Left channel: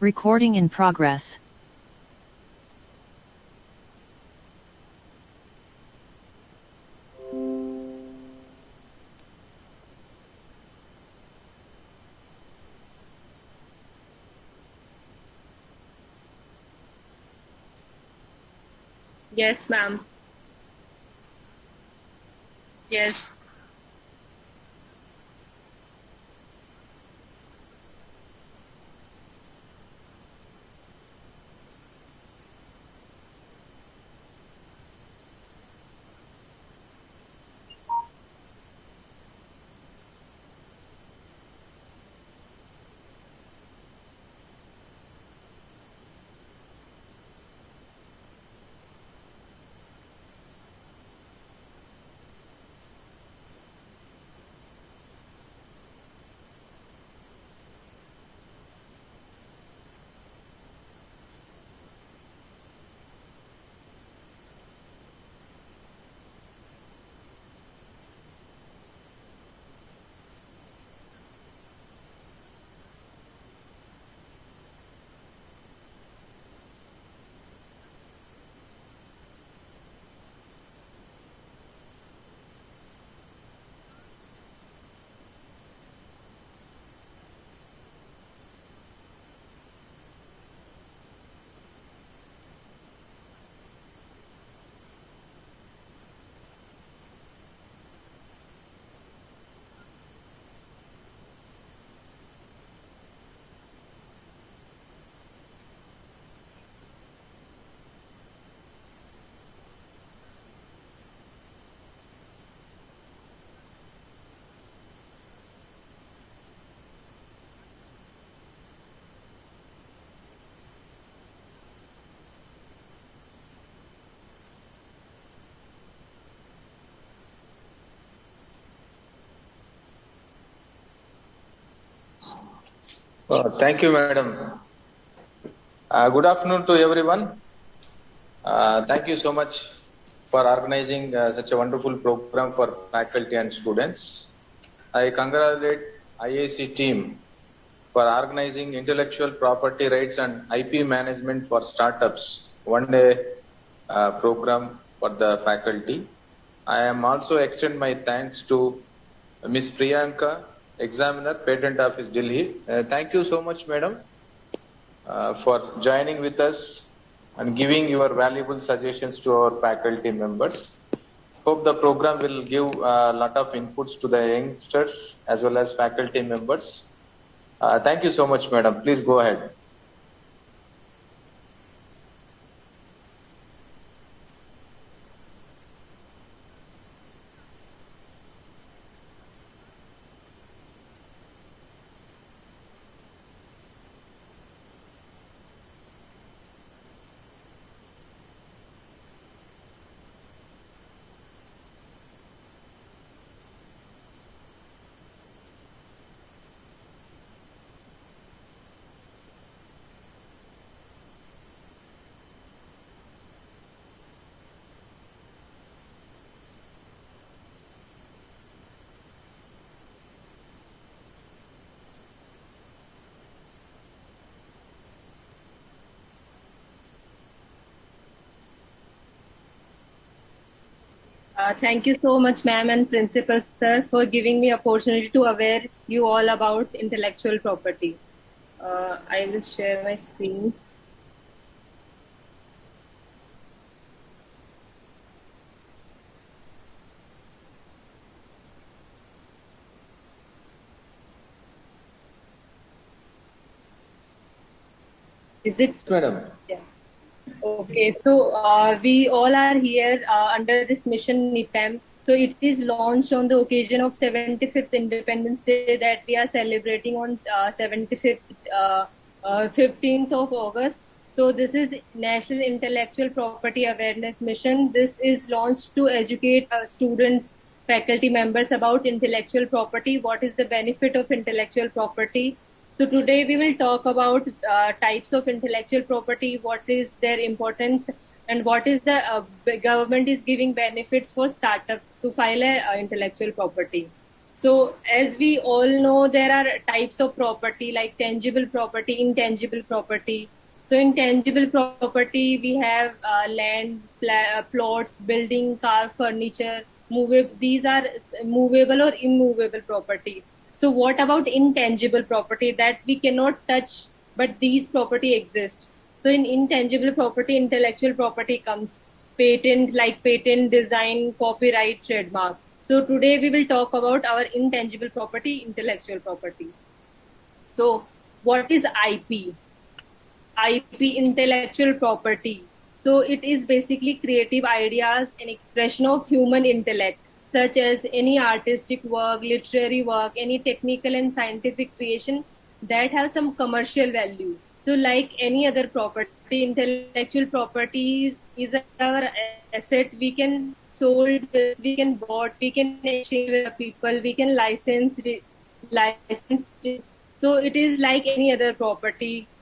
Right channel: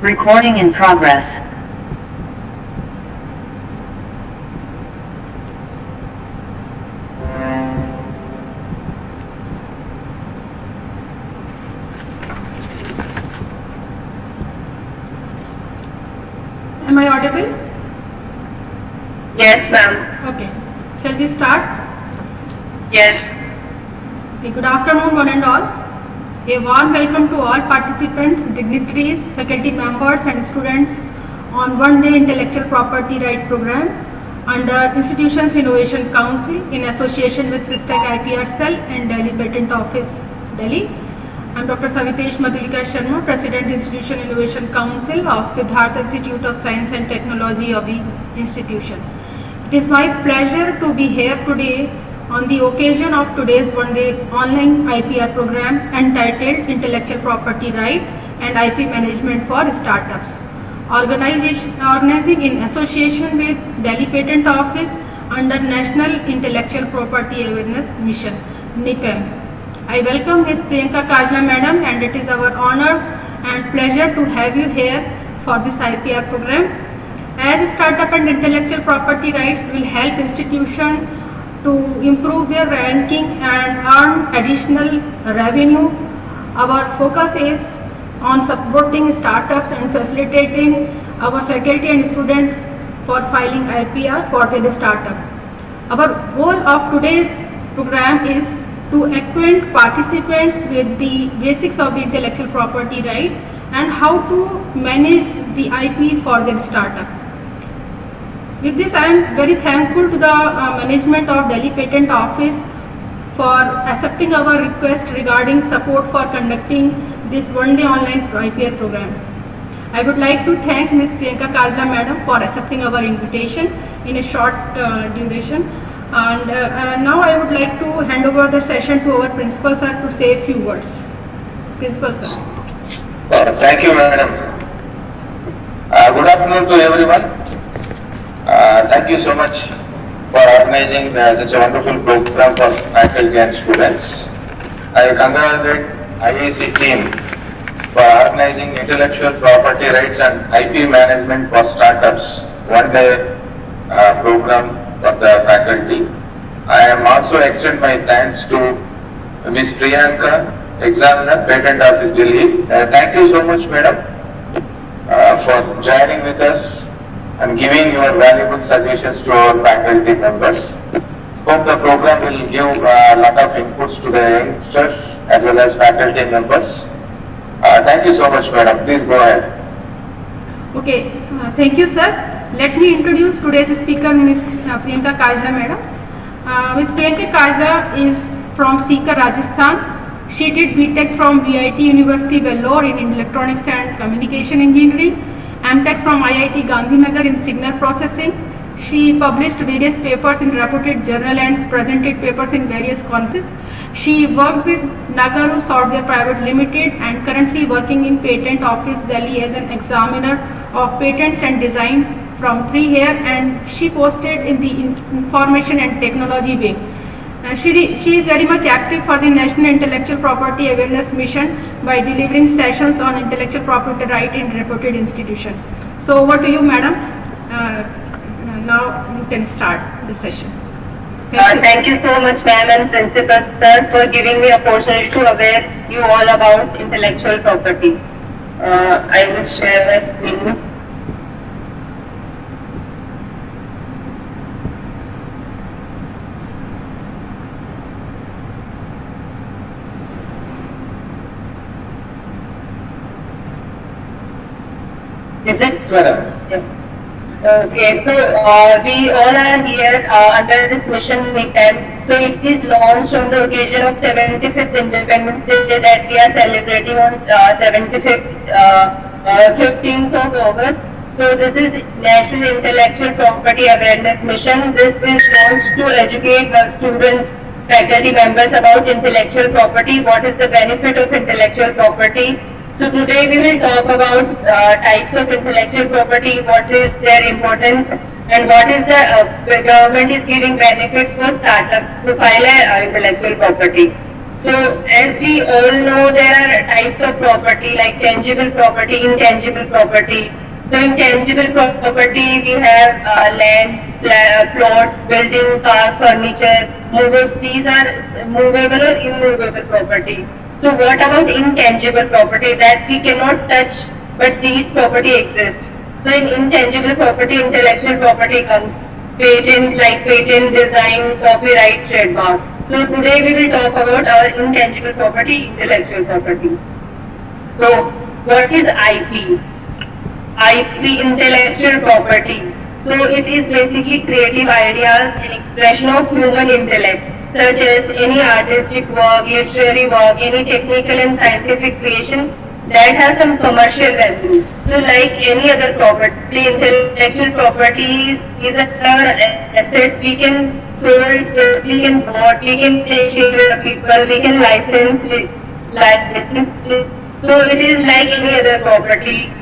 Recording in progress. Am I audible? Yes, ma'am. Okay. Shall we start? Yes. Okay. Good afternoon, one and all. A warm welcome to all participants, dignitaries, faculty members and students on one-day intellectual property right program under Institutions Innovation Council in association with SysTech IPR Cell and Delhi Patent Office, Delhi. I am Dr. Savitesh Madhulika Sharma, President, Institution Innovation Council of Siddharth Institute of Science and Technology of the institution. It is my pleasure to be here today on the occasion of today's one-day online IPR program entitled Intellectual Property Right and IP Management for Startups, organizing in association with Delhi Patent Office under National Intellectual Property Awareness Mission, NIPAM. I welcome Ms. Priyanka Kajla Madam, and it is our honor and pleasure to have you here for this IPR program. As startup and intellectual property rights will help institutions to improve their ranking and earn additional revenue, our focus is on supporting startups and facilitating our faculty and students for filing IPR for their startup. Our goal of today's program is to acquaint participants with the basics of the intellectual property right and how to manage the IP for their startup. With this, I am very thankful to the management of Delhi Patent Office for accepting our request regarding support for conducting this one-day online IPR program. I would like to thank Ms. Priyanka Kajla Madam for accepting our invitation in a short duration. And now I would like to hand over the session to our Principal Sir to say a few words. Principal Sir. Thank you, Madam. Good afternoon to everyone. Thank you so much for organizing such a wonderful program for faculty and students. I congratulate IIC team for organizing intellectual property rights and IP management for startups one-day program for the faculty. I am also extend my thanks to Ms. Priyanka, Examiner, Patent Office, Delhi. Thank you so much, Madam, for joining with us and giving your valuable suggestions to our faculty members. Hope the program will give a lot of inputs to the youngsters as well as faculty members. Thank you so much, Madam. Please go ahead. Okay, thank you, sir. Let me introduce today's speaker, Ms. Priyanka Kajla Madam. Ms. Priyanka Kajla is from Sikar, Rajasthan. She did BTech from VIT University, Vellore in Electronics and Communication Engineering, MTech from IIT Gandhinagar in Signal Processing. She published various papers in reputed journal and presented papers in various conferences. She worked with Nagaru Software Private Limited and currently working in Patent Office Delhi as an examiner of patents and design from 3 years, and she posted in the Information and Technology wing. She is very much active for the National Intellectual Property Awareness Mission by delivering sessions on intellectual property right in reputed institution. So over to you, Madam. Now you can start the session. Thank you so much, ma'am and Principal Sir, for giving me opportunity to aware you all about intellectual property. I will share my screen. Is it? Yeah. Okay, so we all are here under this mission NIPAM. So it is launched on the occasion of 75th Independence Day that we are celebrating on 15th of August. So this is National Intellectual Property Awareness Mission. This is launched to educate students faculty members about intellectual property. What is the benefit of intellectual property? So today we will talk about types of intellectual property, what is their importance, and what is the government is giving benefits for startup to file a intellectual property. So as we all know, there are types of property like tangible property, intangible property. So in tangible property, we have land, plots, building, car, furniture, movable. These are movable or immovable property. So what about intangible property that we cannot touch, but these property exist? So in intangible property, intellectual property comes patent, like patent, design, copyright, trademark. So today we will talk about our intangible property, intellectual property. So what is IP? IP, intellectual property. So it is basically creative ideas and expression of human intellect, such as any artistic work, literary work, any technical and scientific creation that has some commercial value. So like any other property, intellectual property is our asset. We can sold this, we can bought, we can share people, we can license it, so it is like any other property.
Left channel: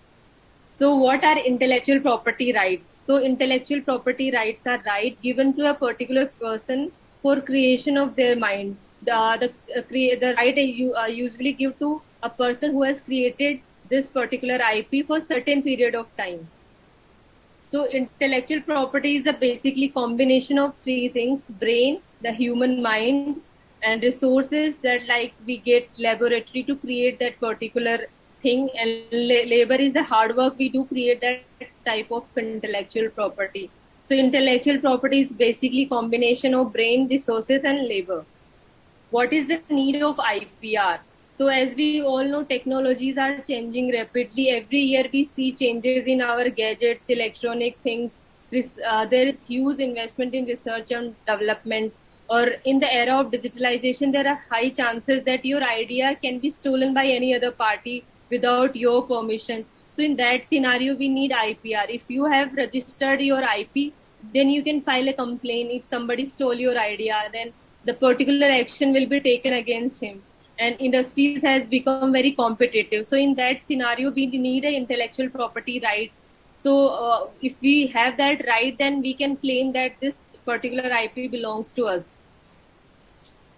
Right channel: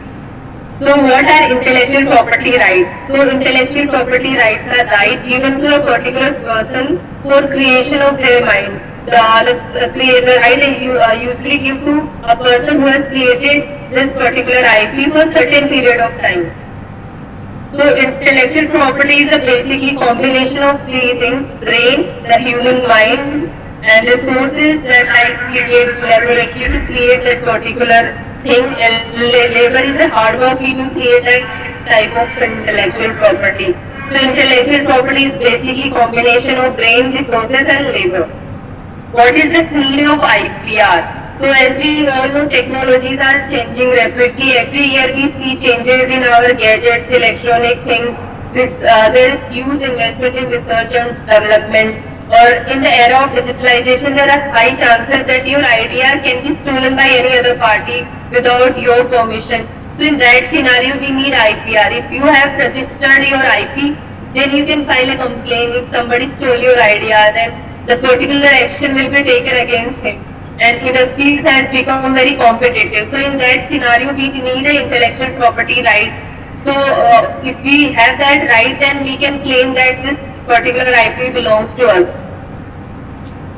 So what are intellectual property rights? So intellectual property rights are right given to a particular person for creation of their mind. The right usually give to a person who has created this particular IP for a certain period of time. So intellectual property is a basically combination of three things: brain, the human mind, and resources that I create laboratory to create that particular thing, and labor is the hard work we do create that type of intellectual property. So intellectual property is basically combination of brain, resources and labor. What is the need of IPR? So as we all know, technologies are changing rapidly. Every year we see changes in our gadgets, electronic things. There is huge investment in research and development. Or in the era of digitalization, there are high chances that your idea can be stolen by any other party without your permission. So in that scenario, we need IPR. If you have registered your IP, then you can file a complaint. If somebody stole your idea, then the particular action will be taken against him. And industries has become very competitive. So in that scenario, we need an intellectual property right. So if we have that right, then we can claim that this particular IP belongs to us.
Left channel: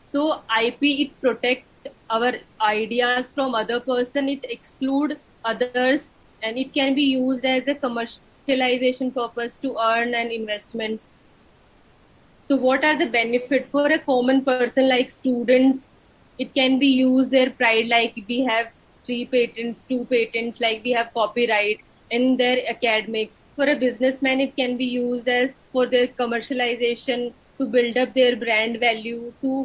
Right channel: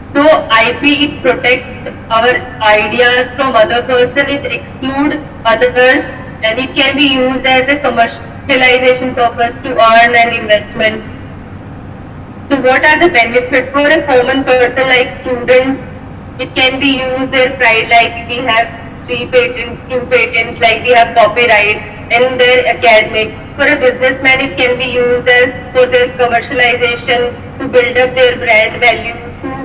So IP protect our ideas from other person, it exclude others, and it can be used as a commercialization purpose to earn an investment. So what are the benefits for a common person like students? It can be used their pride, like we have 3 patents, 2 patents, like we have copyright, and in their academics. For a businessman, it can be used as for their commercialization, to build up their brand value,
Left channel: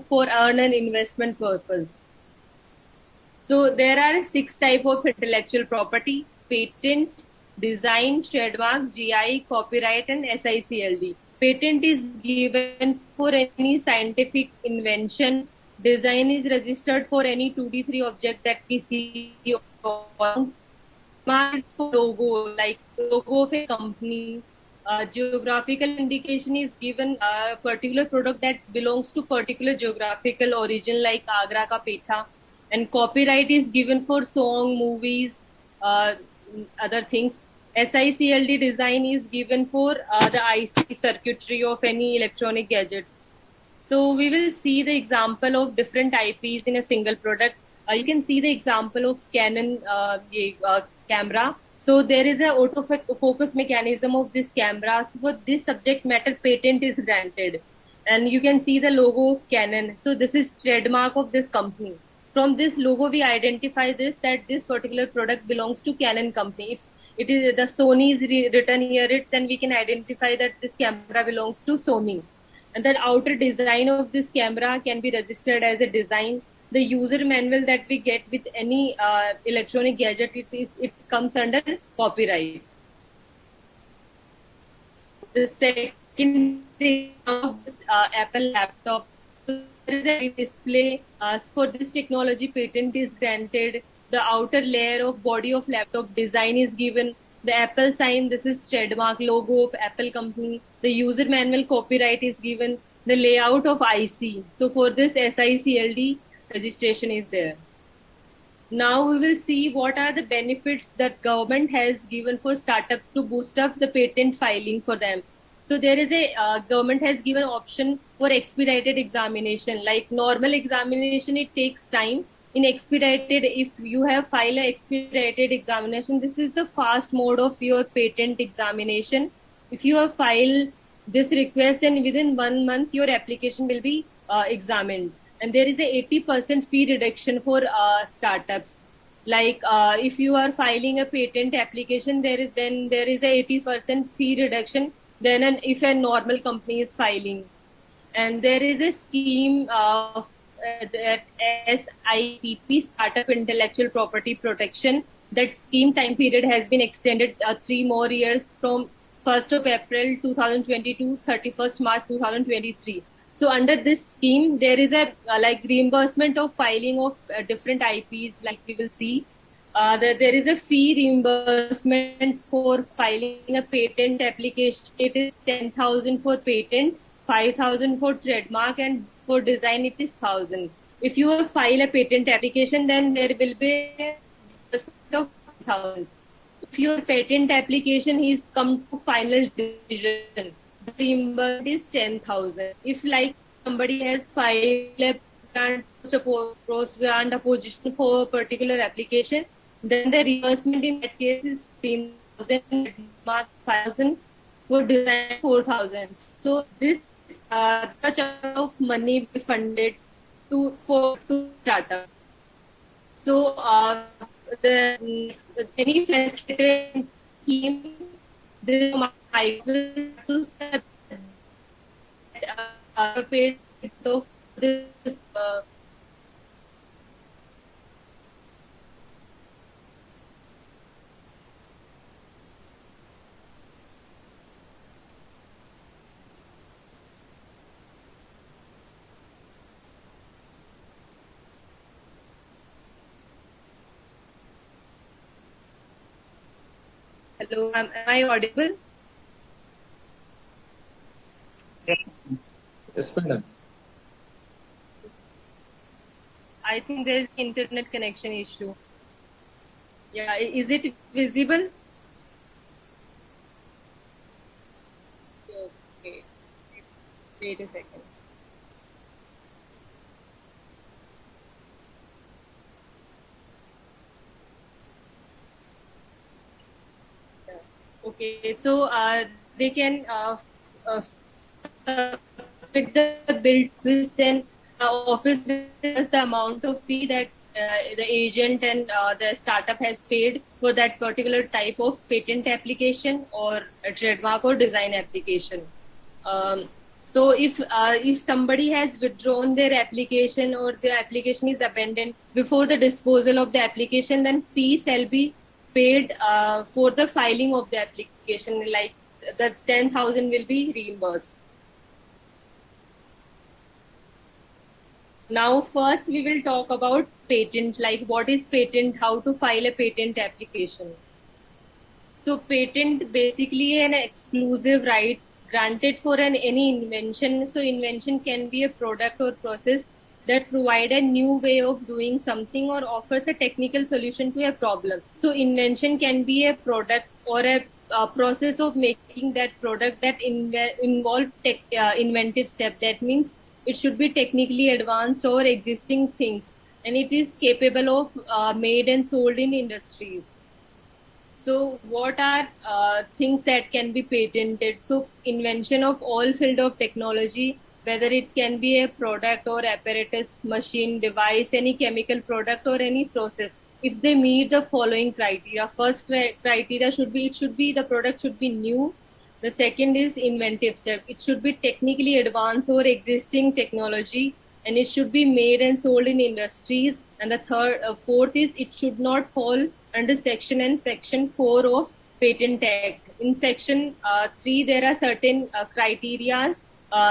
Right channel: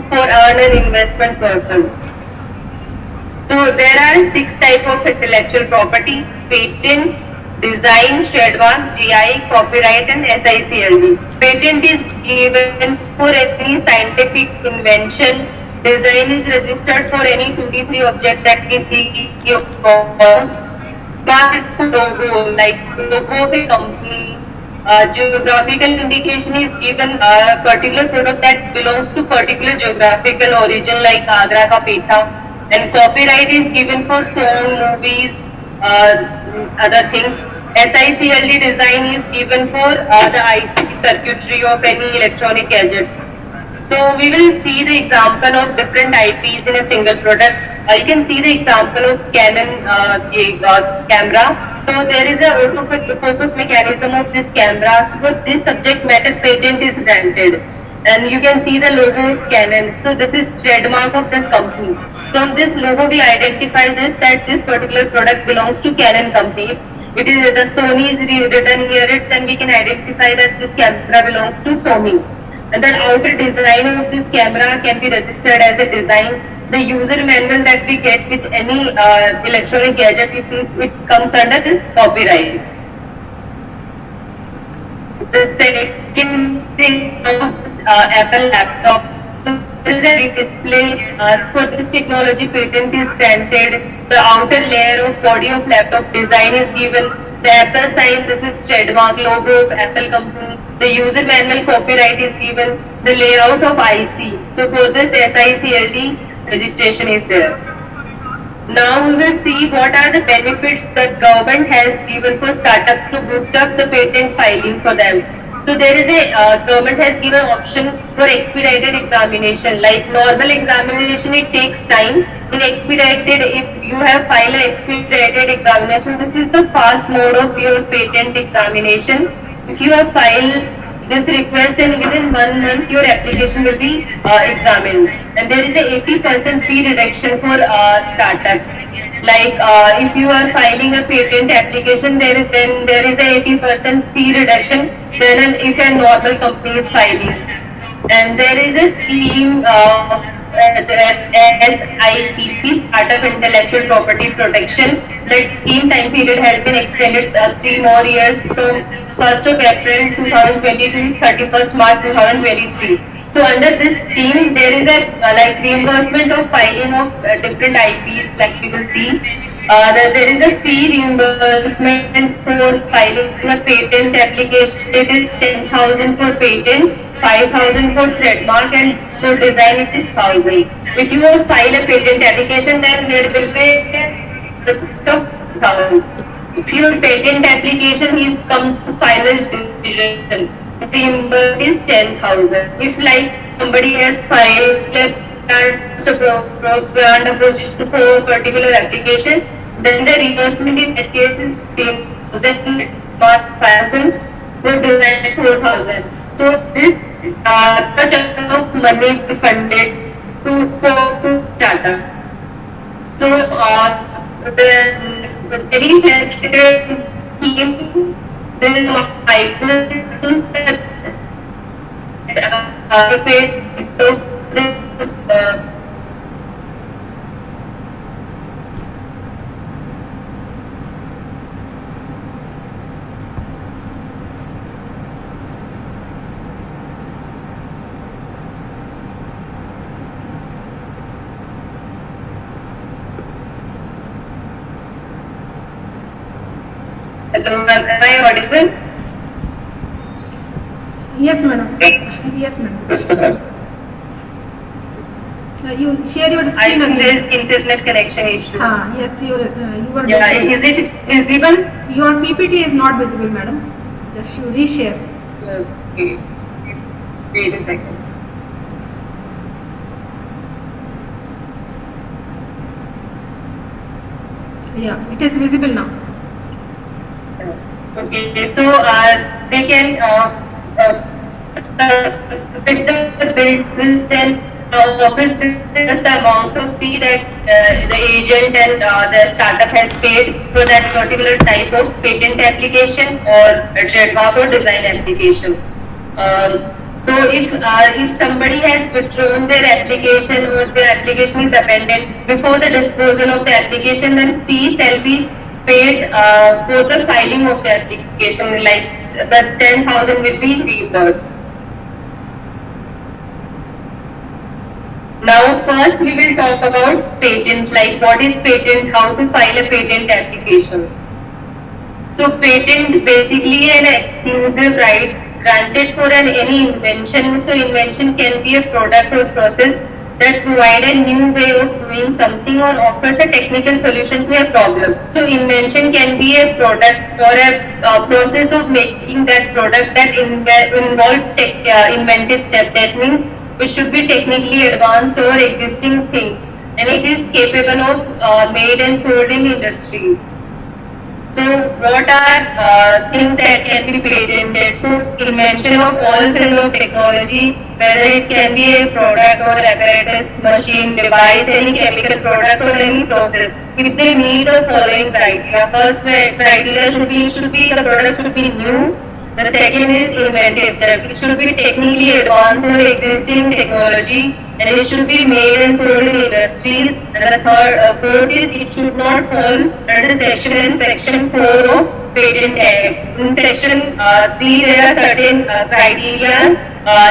for earn an investment purpose. So there are 6 types of intellectual property: patent, design, trademark, GI, copyright and SICLD. Patent is given for any scientific invention. Design is registered for any 2D3 object that we see. Mark is for logo, like logo of a company. Geographical indication is given a particular product that belongs to particular geographical origin, like Agra ka Petha. And copyright is given for song, movies, other things. SICLD design is given for the IC circuitry of any electronic gadgets. So we will see the example of different IPs in a single product. You can see the example of Canon camera. So there is a autofocus mechanism of this camera. So this subject matter patent is granted. And you can see the logo of Canon. So this is trademark of this company. From this logo we identify this, that this particular product belongs to Canon company. If it is the Sony is written near it, then we can identify that this camera belongs to Sony. And the outer design of this camera can be registered as a design. The user manual that we get with any electronic gadget, it comes under copyright. The second thing of this Apple laptop, there is a display. For this technology, patent is granted. The outer layer of body of laptop design is given. The Apple sign, this is trademark logo of Apple company. The user manual copyright is given. The layout of IC. So for this SICLD registration is there. Now we will see what are the benefits that government has given for startup to boost up the patent filing for them. So there is a government has given option for expedited examination. Like normal examination, it takes time. In expedited, if you have filed an expedited examination, this is the fast mode of your patent examination. If you have filed this request, and within 1 month your application will be examined, and there is a 80% fee reduction for startups. Like if you are filing a patent application, there is a 80% fee reduction than if a normal company is filing. And there is a scheme as IPP, Startup Intellectual Property Protection. That scheme time period has been extended 3 more years from 1st of April 2022 to 31st March 2023. So under this scheme, there is a like reimbursement of filing of different IPs, like you will see. There is a fee reimbursement for filing a patent application. It is 10,000 for patent, 5,000 for trademark, and for design it is 1,000. If you file a patent application, then there will be a cost of 1,000. If your patent application is come to final decision, reimbursement is 10,000. If like somebody has filed a grant application for a particular application, then the reimbursement is at case 10,000, 5,000, for design 4,000. So this such amount of money funded to Tata. So the very sensitive scheme, there is no items that paid to this Hello, am I audible? Yes, madam. Yes, madam. Yes, sir. You share your I screen think there again. is internet connection issue. Yes, you are. Yeah, is it visible? Your PPT is not visible, madam. Just you reshare. Okay. Wait a second. Yeah, it is visible now. Okay, so they can with the bill send office just the amount of fee that the agent and the startup has paid for that particular type of patent application or trademark or design application. So if somebody has withdrawn their application or their application is abandoned before the disposal of the application, then fee shall be paid for the filing of the application, like the 10,000 will be reimbursed. Now first we will talk about patent, like what is patent, how to file a patent application. So patent basically an exclusive right granted for any invention. So invention can be a product or process that provide a new way of doing something or offers a technical solution to a problem. So invention can be a product or a process of making that product that involve inventive step. That means it should be technically advanced or existing things, and it is capable of made and sold in industries. So what are things that can be patented? So invention of all field of technology, whether it can be a product or apparatus, machine, device, any chemical product or any process, if they meet the following criteria. First criteria should be the product should be new. The second is inventive step. It should be technically advanced or existing technology, and it should be made and sold in industries. And the fourth is it should not fall under section 4 of Patent Act. In section 3 there are certain criteria.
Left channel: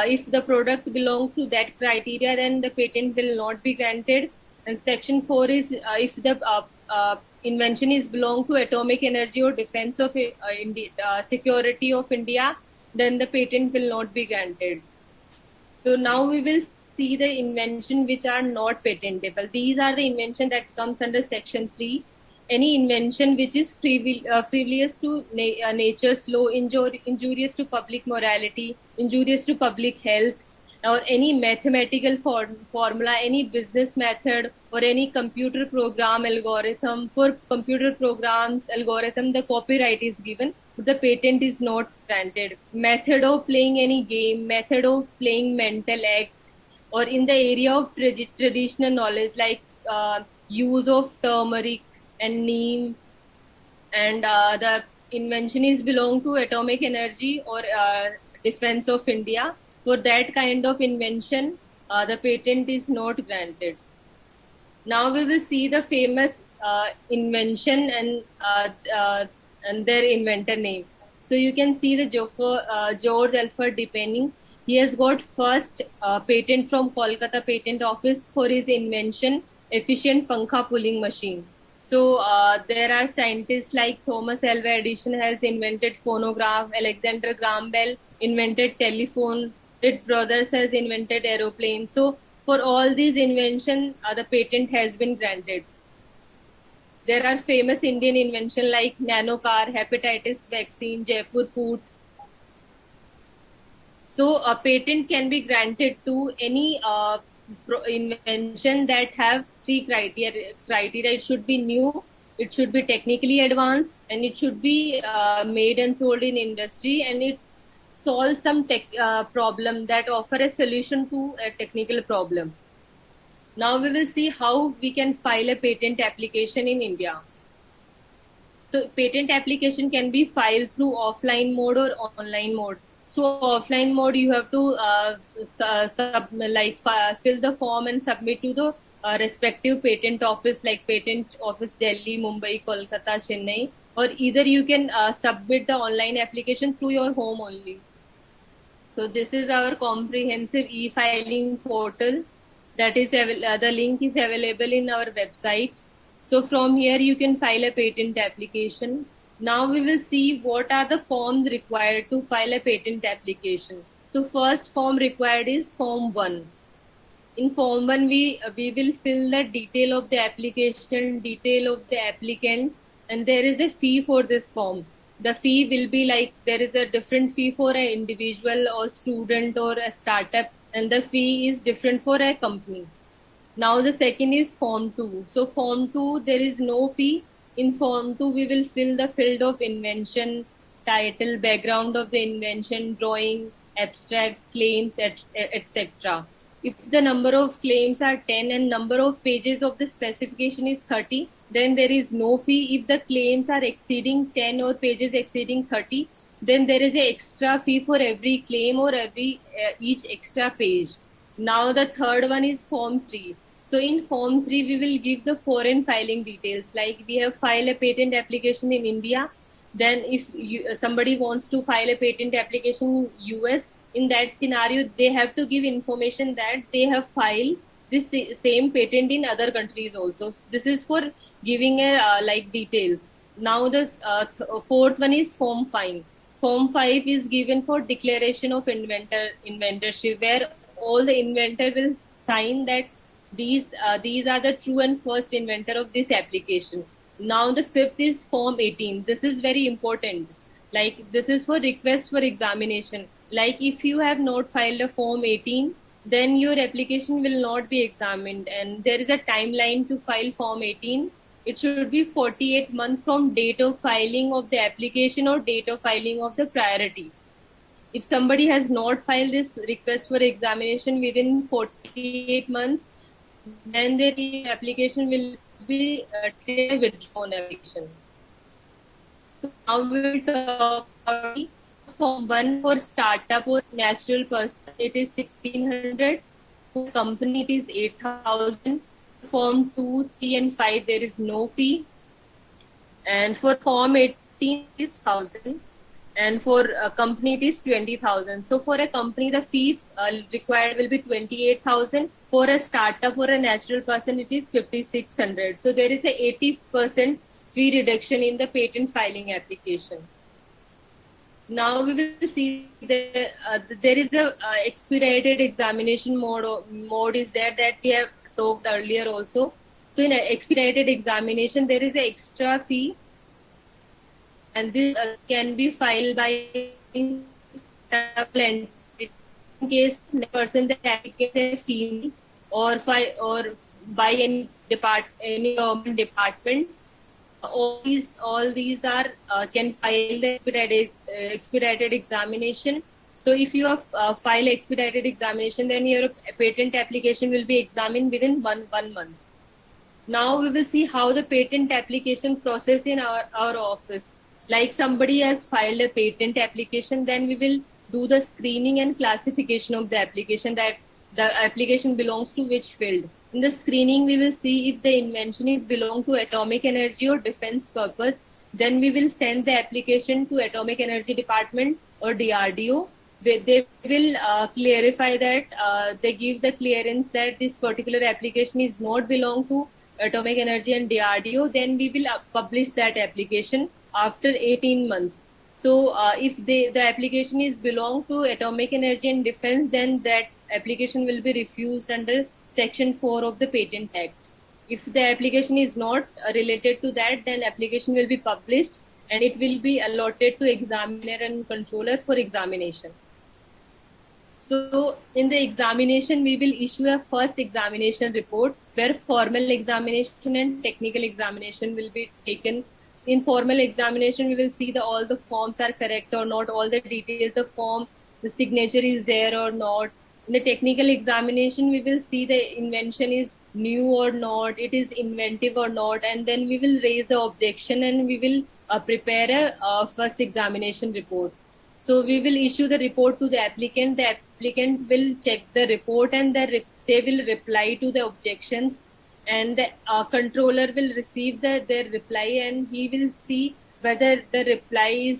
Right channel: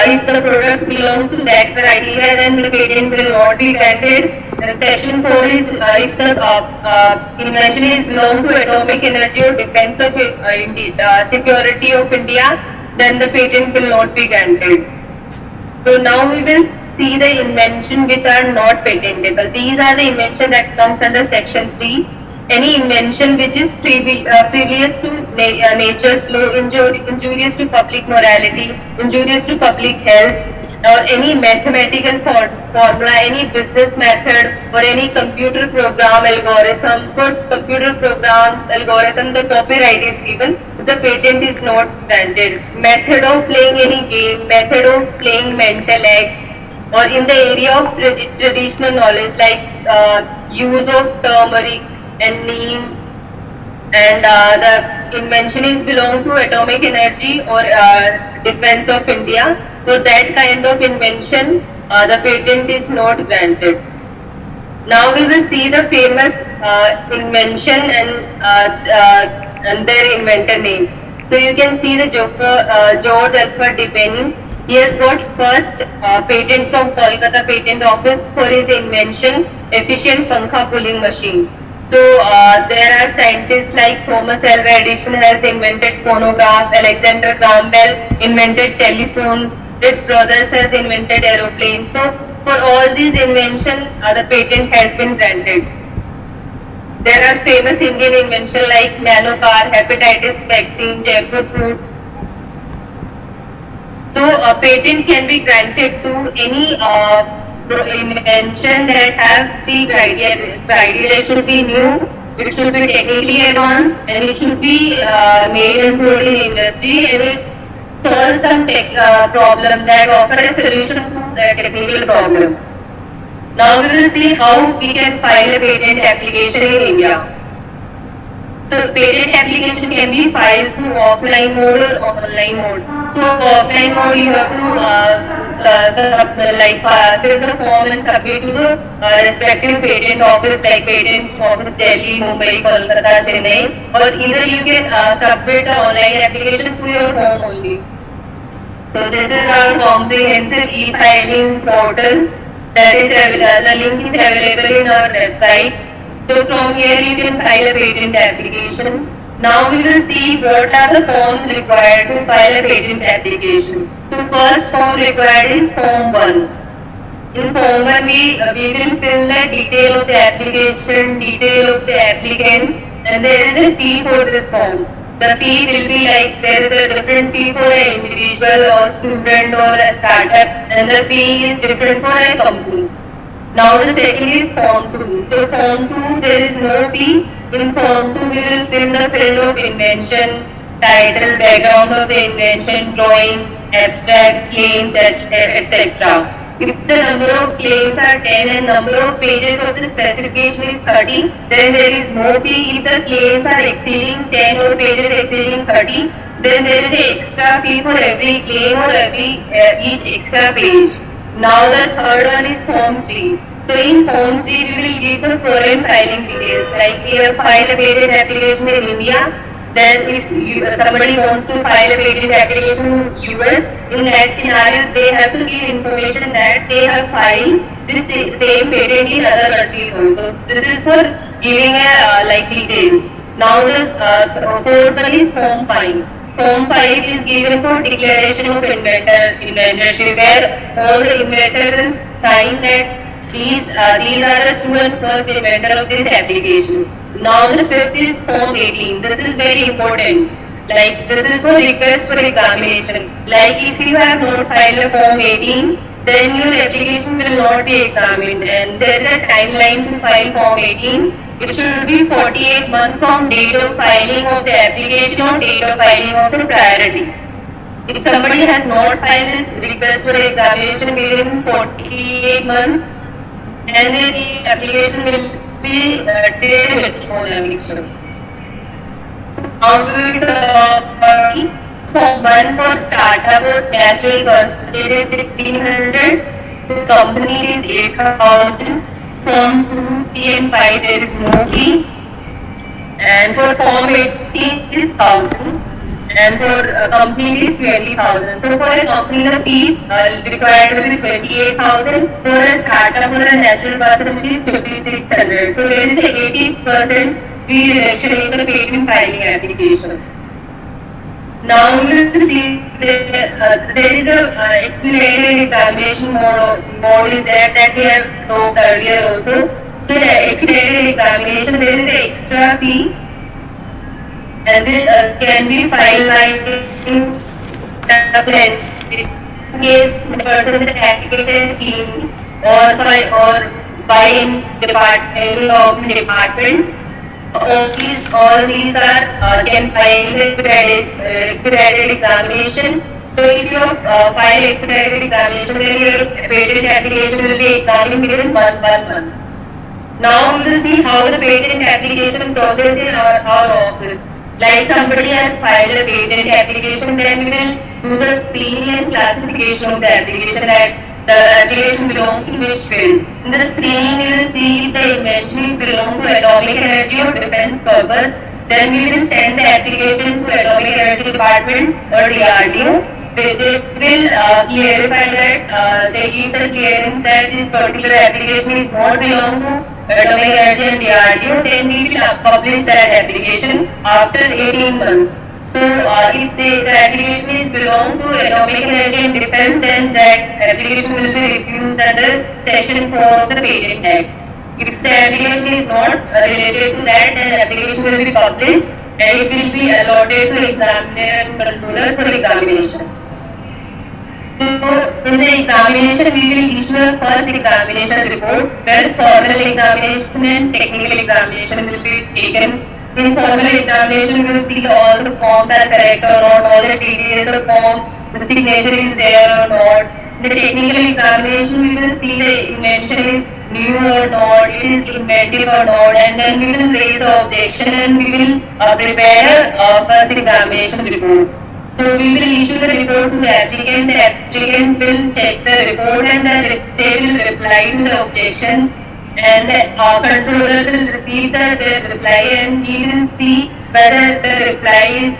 If the product belongs to that criteria, then the patent will not be granted. And section 4 is if the invention is belong to atomic energy or defense of security of India, then the patent will not be granted. So now we will see the invention which are not patentable. These are the invention that comes under section 3. Any invention which is frivolous to nature's law, injurious to public morality, injurious to public health, or any mathematical formula, any business method, or any computer program algorithm. For computer programs algorithm, the copyright is given, the patent is not granted. Method of playing any game, method of playing mental act, or in the area of traditional knowledge like use of turmeric and neem, and the invention is belong to atomic energy or defense of India. So that kind of invention, the patent is not granted. Now we will see the famous invention and their inventor name. So you can see the George Alfred Depenning. He has got first patent from Kolkata Patent Office for his invention, efficient pankha pulling machine. So there are scientists like Thomas Alva Edison has invented phonograph, Alexander Graham Bell invented telephone, Wright brothers has invented aeroplane. So for all these inventions, the patent has been granted. There are famous Indian inventions like nano car, hepatitis vaccine, jackfruit fruit. So a patent can be granted to any invention that have three criteria. It should be new, it should be technically advanced, and it should be made and sold in industry, and it solves some problem that offer a solution to that technical problem. Now we will see how we can file a patent application in India. So patent application can be filed through offline mode or online mode. So offline mode you have to fill the form and submit to the respective patent office like Patent Office Delhi, Mumbai, Kolkata, Chennai, or either you can submit the online application through your home only. So this is our comprehensive e-filing portal. That is the link is available in our website. So from here you can file a patent application. Now we will see what are the forms required to file a patent application. So first form required is form 1. In form 1 we will fill the detail of the application, detail of the applicant, and there is a fee for this form. The fee will be like there is a different fee for an individual or student or a startup, and the fee is different for a company. Now the second is form 2. So form 2 there is no fee. In form 2 we will fill the field of invention, title, background of the invention, drawing, abstract, claims, etc. If the number of claims are 10 and number of pages of the specification is 30, then there is no fee. If the claims are exceeding 10 or pages exceeding 30, then there is an extra fee for every claim or each extra page. Now the third one is form 3. So in form 3 we will give the foreign filing details, like we have filed a patent application in India. Then if somebody wants to file a patent application in US, in that scenario they have to give information that they have filed this same patent in other countries also. This is for giving details. Now the fourth one is form 5. Form 5 is given for declaration of inventorship, where all the inventor will sign that these are the true and first inventor of this application. Now the fifth is form 18. This is very important. Like this is for request for examination. Like if you have not filed a form 18, then your application will not be examined, and there is a timeline to file form 18. It should be 48 months from date of filing of the application or date of filing of the priority. If somebody has not filed this request for examination within 48 months, then the application will be delayed its own application. Now we will talk about form 1 for startup or natural person. It is 1600. The company is 8000. Form 2, 3 and 5 there is no fee. And for form 18 it is 1000. and for a company it is 20,000. So for a company the fee required will be 28,000. For a startup or a natural person it is 5,600. So there is a 80% fee reduction in the patent filing application. Now we will see there is a expedited examination mode is there that we have talked earlier also. So the expedited examination there is an extra fee and this can be filed by in case the person is applicant team or by in government department. All these are can file expedited examination. So if you file expedited examination, then your patent application will be examined within 1 month. Now we will see how the patent application process in our office. Like somebody has filed a patent application, then we will do the screening and classification of the application that the application belongs to which field. In the screening, we will see if the invention belongs to atomic energy or defense purpose. Then we will send the application to atomic energy department or DRDO. They will clarify that they give the clearance that this particular application is not belong to atomic energy and DRDO. Then we will publish that application after 18 months. So if the application is belong to atomic energy and defense, then that application will be refused under section 4 of the Patent Act. If the application is not related to that, then the application will be published and it will be allotted to examiner and controller for examination. So in the examination, we will issue a first examination report where formal examination and technical examination will be taken. In formal examination, we will see all the forms are correct or not, all the details of the form, the signature is there or not. The technical examination, we will see the invention is new or not, it is inventive or not, and then we will raise the objection and we will prepare a first examination report. So we will issue the report to the applicant will check the report and they will reply to the objections, and our controller will receive the reply and he will see whether the reply is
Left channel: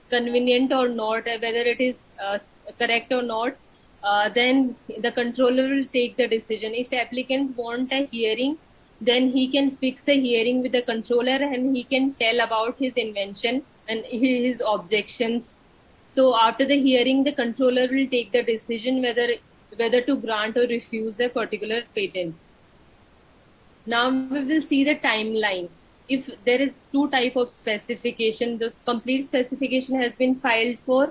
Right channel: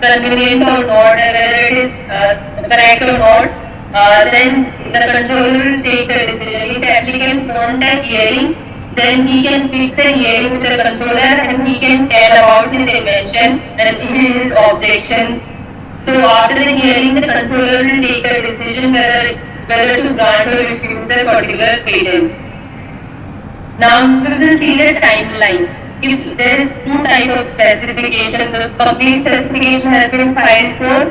convenient or not, whether it is correct or not. Then the controller will take the decision. If the applicant wants a hearing, then he can fix a hearing with the controller and he can tell about his invention and his objections. So after the hearing, the controller will take a decision whether to grant or refuse the particular patent. Now we will see the timeline. If there is two types of specification, the complete specification has been filed for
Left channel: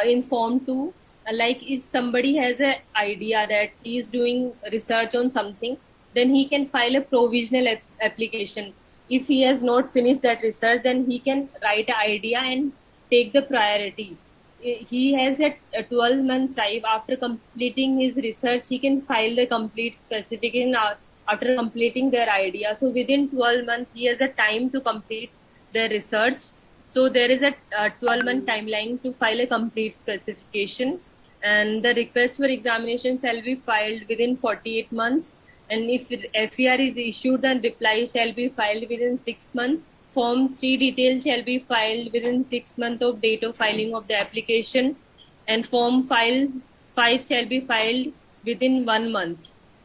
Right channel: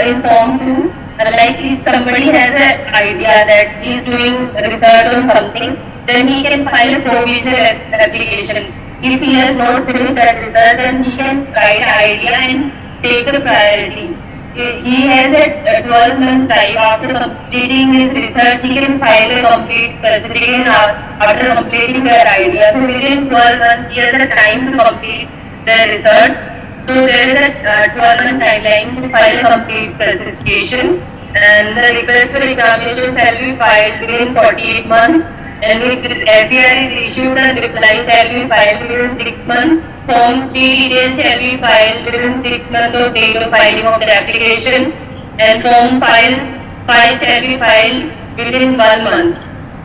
in Form 2. Like if somebody has an idea that he is doing research on something, then he can file a provisional application. If he has not finished that research, then he can write an idea and take the priority. He has a 12-month time. After completing his research, he can file a complete specification after completing their idea. So within 12 months, he has a time to complete the research. So there is a 12-month timeline to file a complete specification, and the request for examination shall be filed within 48 months, and if IPR is issued, the reply shall be filed within 6 months. Form 3 details shall be filed within 6 months of date of filing of the application, and Form 5 shall be filed within 1 month.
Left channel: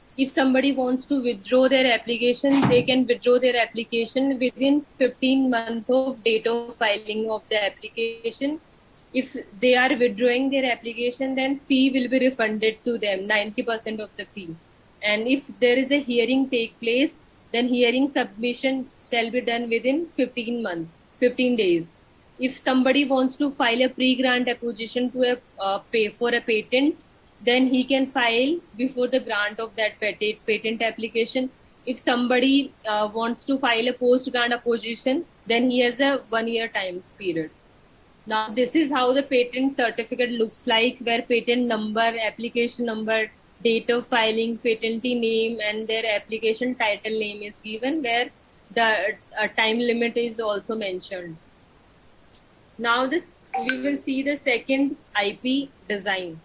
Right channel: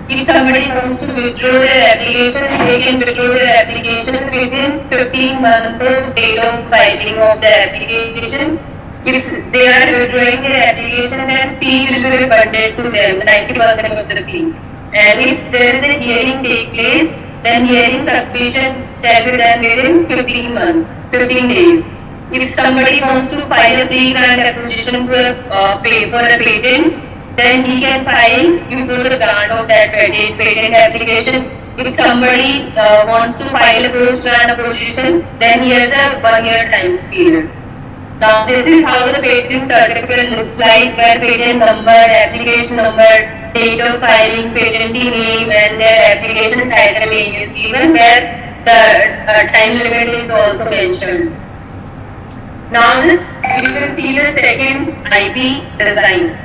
If somebody wants to withdraw their application, they can withdraw their application within 15 months of date of filing of the application. If they are withdrawing their application, then fee will be refunded to them, 90% of the fee. And if there is a hearing take place, then hearing submission shall be done within 15 days. If somebody wants to file a pre-grant application for a patent, then he can file before the grant of that patent application. If somebody wants to file a post-grant application, then he has a 1-year time period. Now this is how the patent certificate looks like, where patent number, application number, date of filing, patentee name, and their application title is given, where the time limit is also mentioned. Now we will see the second IP design.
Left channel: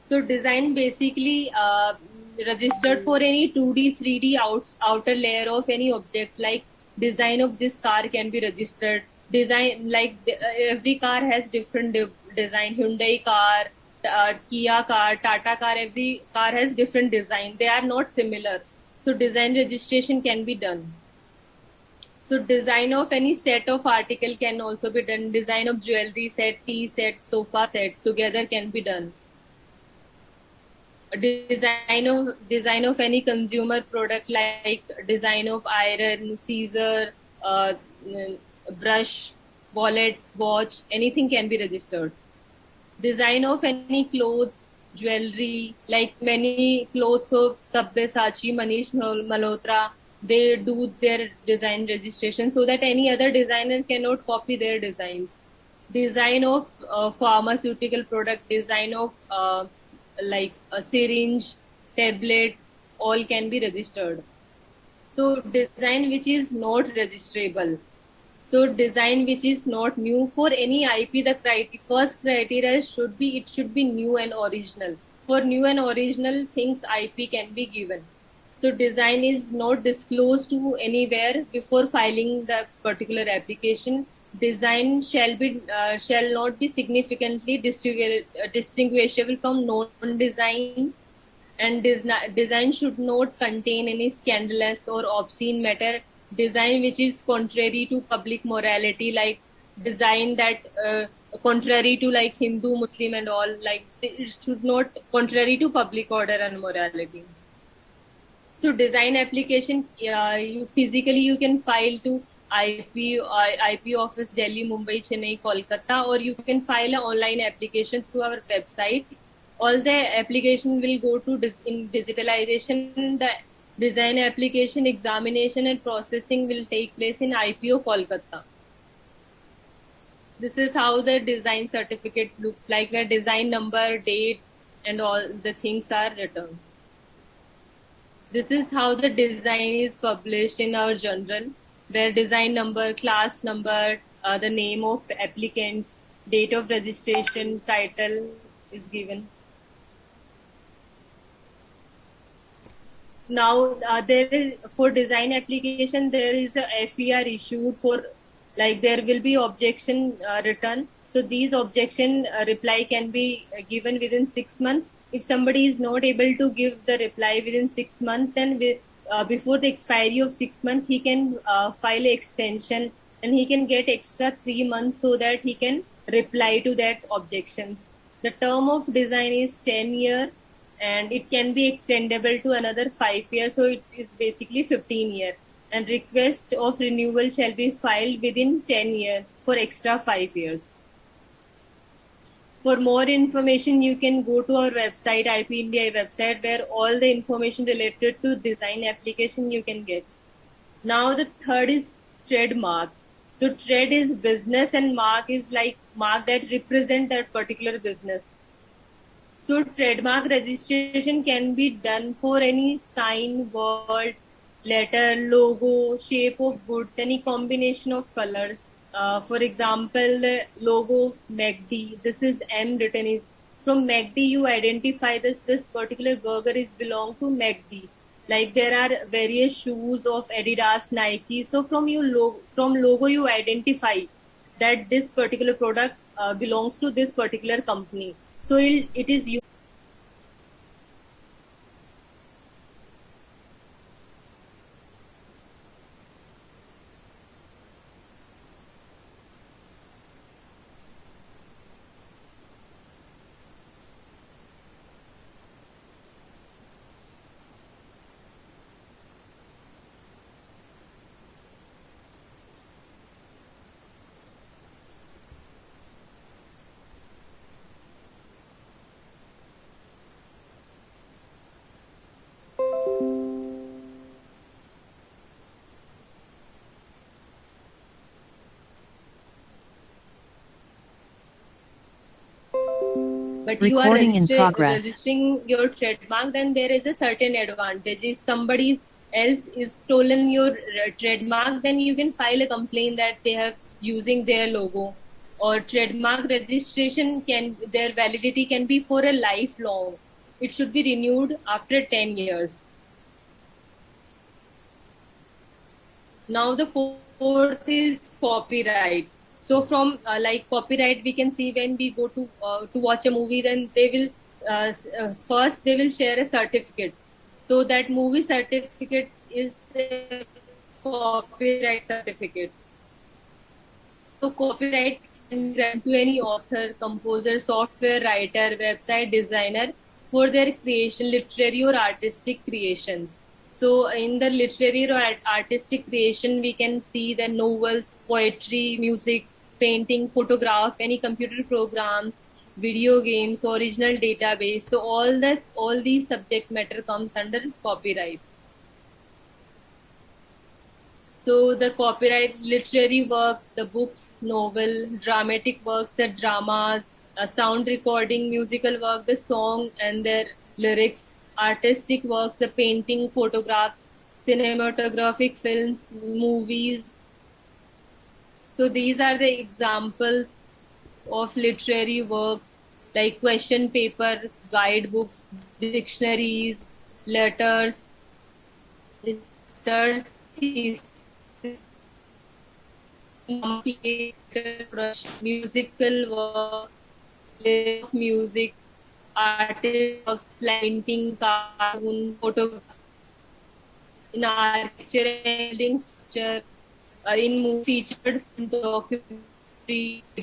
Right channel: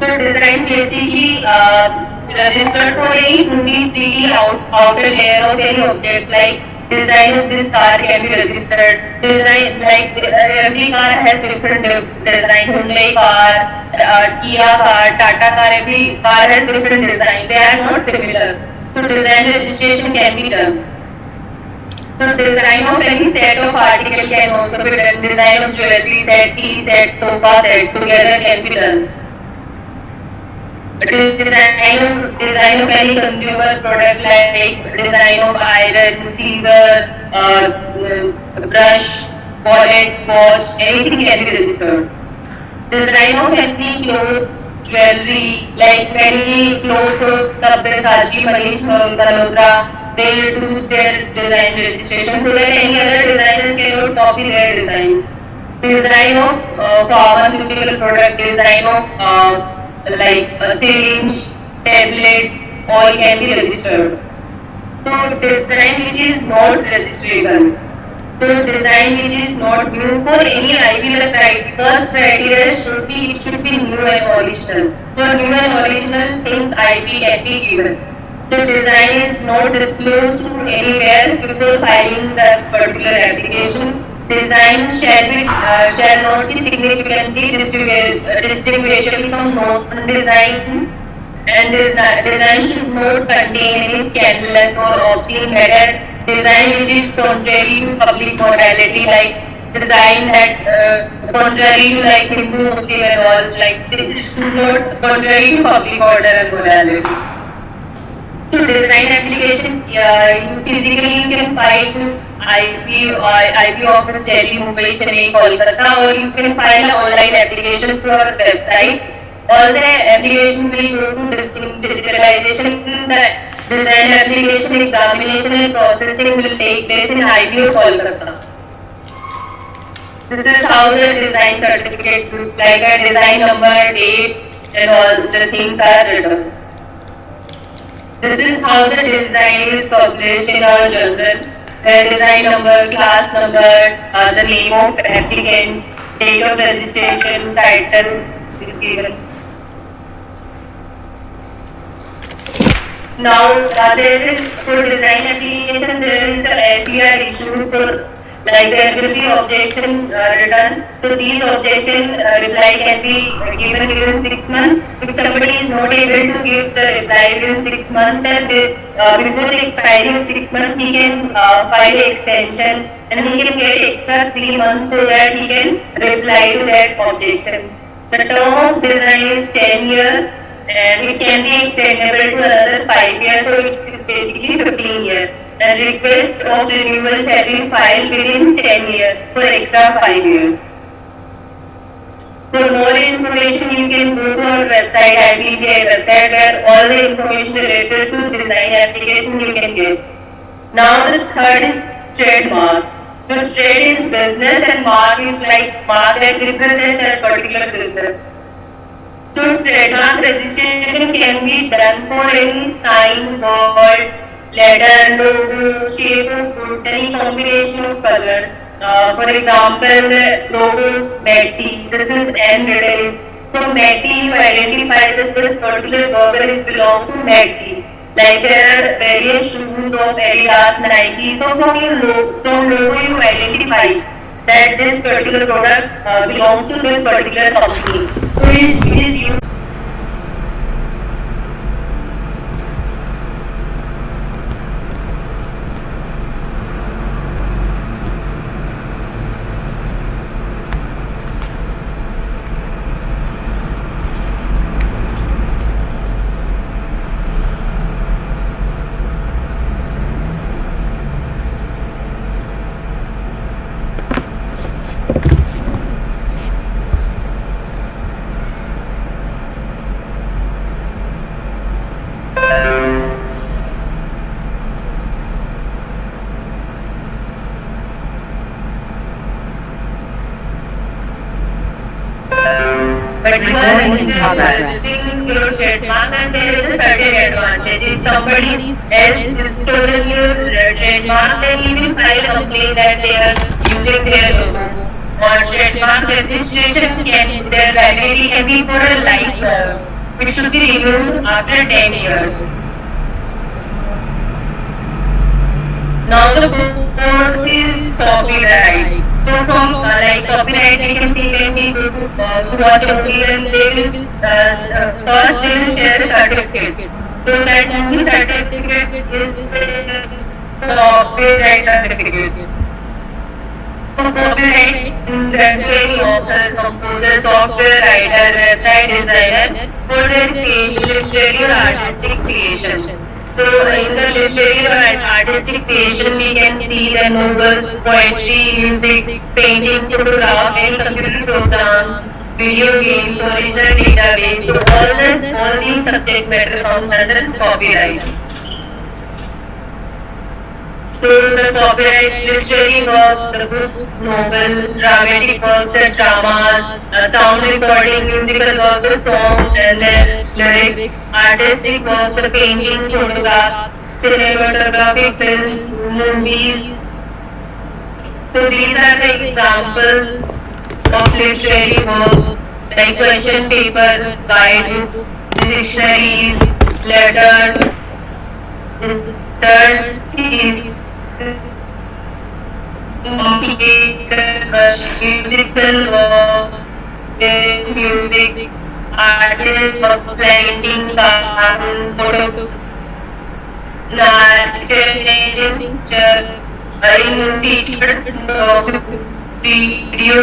So design basically registered for any 2D, 3D outer layer of any object, like design of this car can be registered. Design like every car has different design. Hyundai car, Kia car, Tata car. Every car has different design. They are not similar. So design registration can be done. So design of any set of article can also be done. Design of jewelry set, tea set, sofa set together can be done. Design of any consumer product like design of iron, scissor, brush, wallet, watch, anything can be registered. Design of any clothes, jewelry, like many clothes of Sabyasachi, Manish, Malhotra, they do their design registration so that any other designer cannot copy their designs. Design of pharmaceutical product, design of like a syringe, tablet, all can be registered. So design which is not registrable. So design which is not new for any ideal right. First criteria should be new and original. For new and original things IP can be given. So design is not disclosed to anywhere before filing the particular application. Design shall not be significantly distinguishable from non-design, and design should not contain any scandalous or obscene matter. Design which is contrary to public morality, like design that contrary to like Hindu, Muslim and all, like it should not contrary to public order and morality. To design application, you physically can file to IP office Delhi, Mumbai, Chennai, Kolkata, or you can file an online application through our website. All the application will go to digitalization. The design application examination and processing will take place in IPO Kolkata. This is how the design certificate looks like. A design number, date, and all the things are written. This is how the design is published in our journal. The design number, class number, the name of applicant, date of registration, title is given. Now, there is for design application, there is the IPR issue for like there will be objection written. So these objection reply can be given within 6 months. If somebody is not able to give the reply within 6 months, then before the expiry of 6 months, he can file an extension and he can get extra 3 months so that he can reply to their objections. The term of design is 10 years and it can be extendable to another 5 years, so it is basically 15 years. And request of renewal shall be filed within 10 years for extra 5 years. For more information, you can go to our website, IPR website, where all the information related to design application you can get. Now the third is trademark. So trade is business and mark is like mark that represents a particular business. So trademark registration can be done for any sign, word, letter, logo, shape of fruit, any combination of colors. For example, logo, Meti, this is N written. So Meti, you identify this particular burger belongs to Meti. Like there are various shoes of Adidas, Nike. So from logo you identify that this particular product belongs to this particular company. So it is used. Recording in progress. Registering your trademark and there is a certain advantage. If somebody else is stealing your trademark, then he will file a complaint that they are using their logo. Or trademark registration can their validity can be for a life, which should be renewed after 10 years. Now the fourth is copyright. So from like copyright we can see when people watch a movie, then they will first they will share a certificate. So that means the certificate is copyright certificate. So copyright refer to any author, composer, software writer, website designer for their literary or artistic creations. So in the literary or artistic creation we can see the novels, poetry, music, painting, craft, any computer programs, video games or any database. All these subject matter comes under the copyright. So the copyright literary work, the books, novels, dramatic works, dramas, sound recording, musical works, songs, and their lyrics, artistic works, painting, photographs, cinematography, films, movies. So these are the examples of literary works like question paper, guidebooks, dictionaries, letters, research series, musical work, music, artists, painting, photos, lecturing, teacher, video,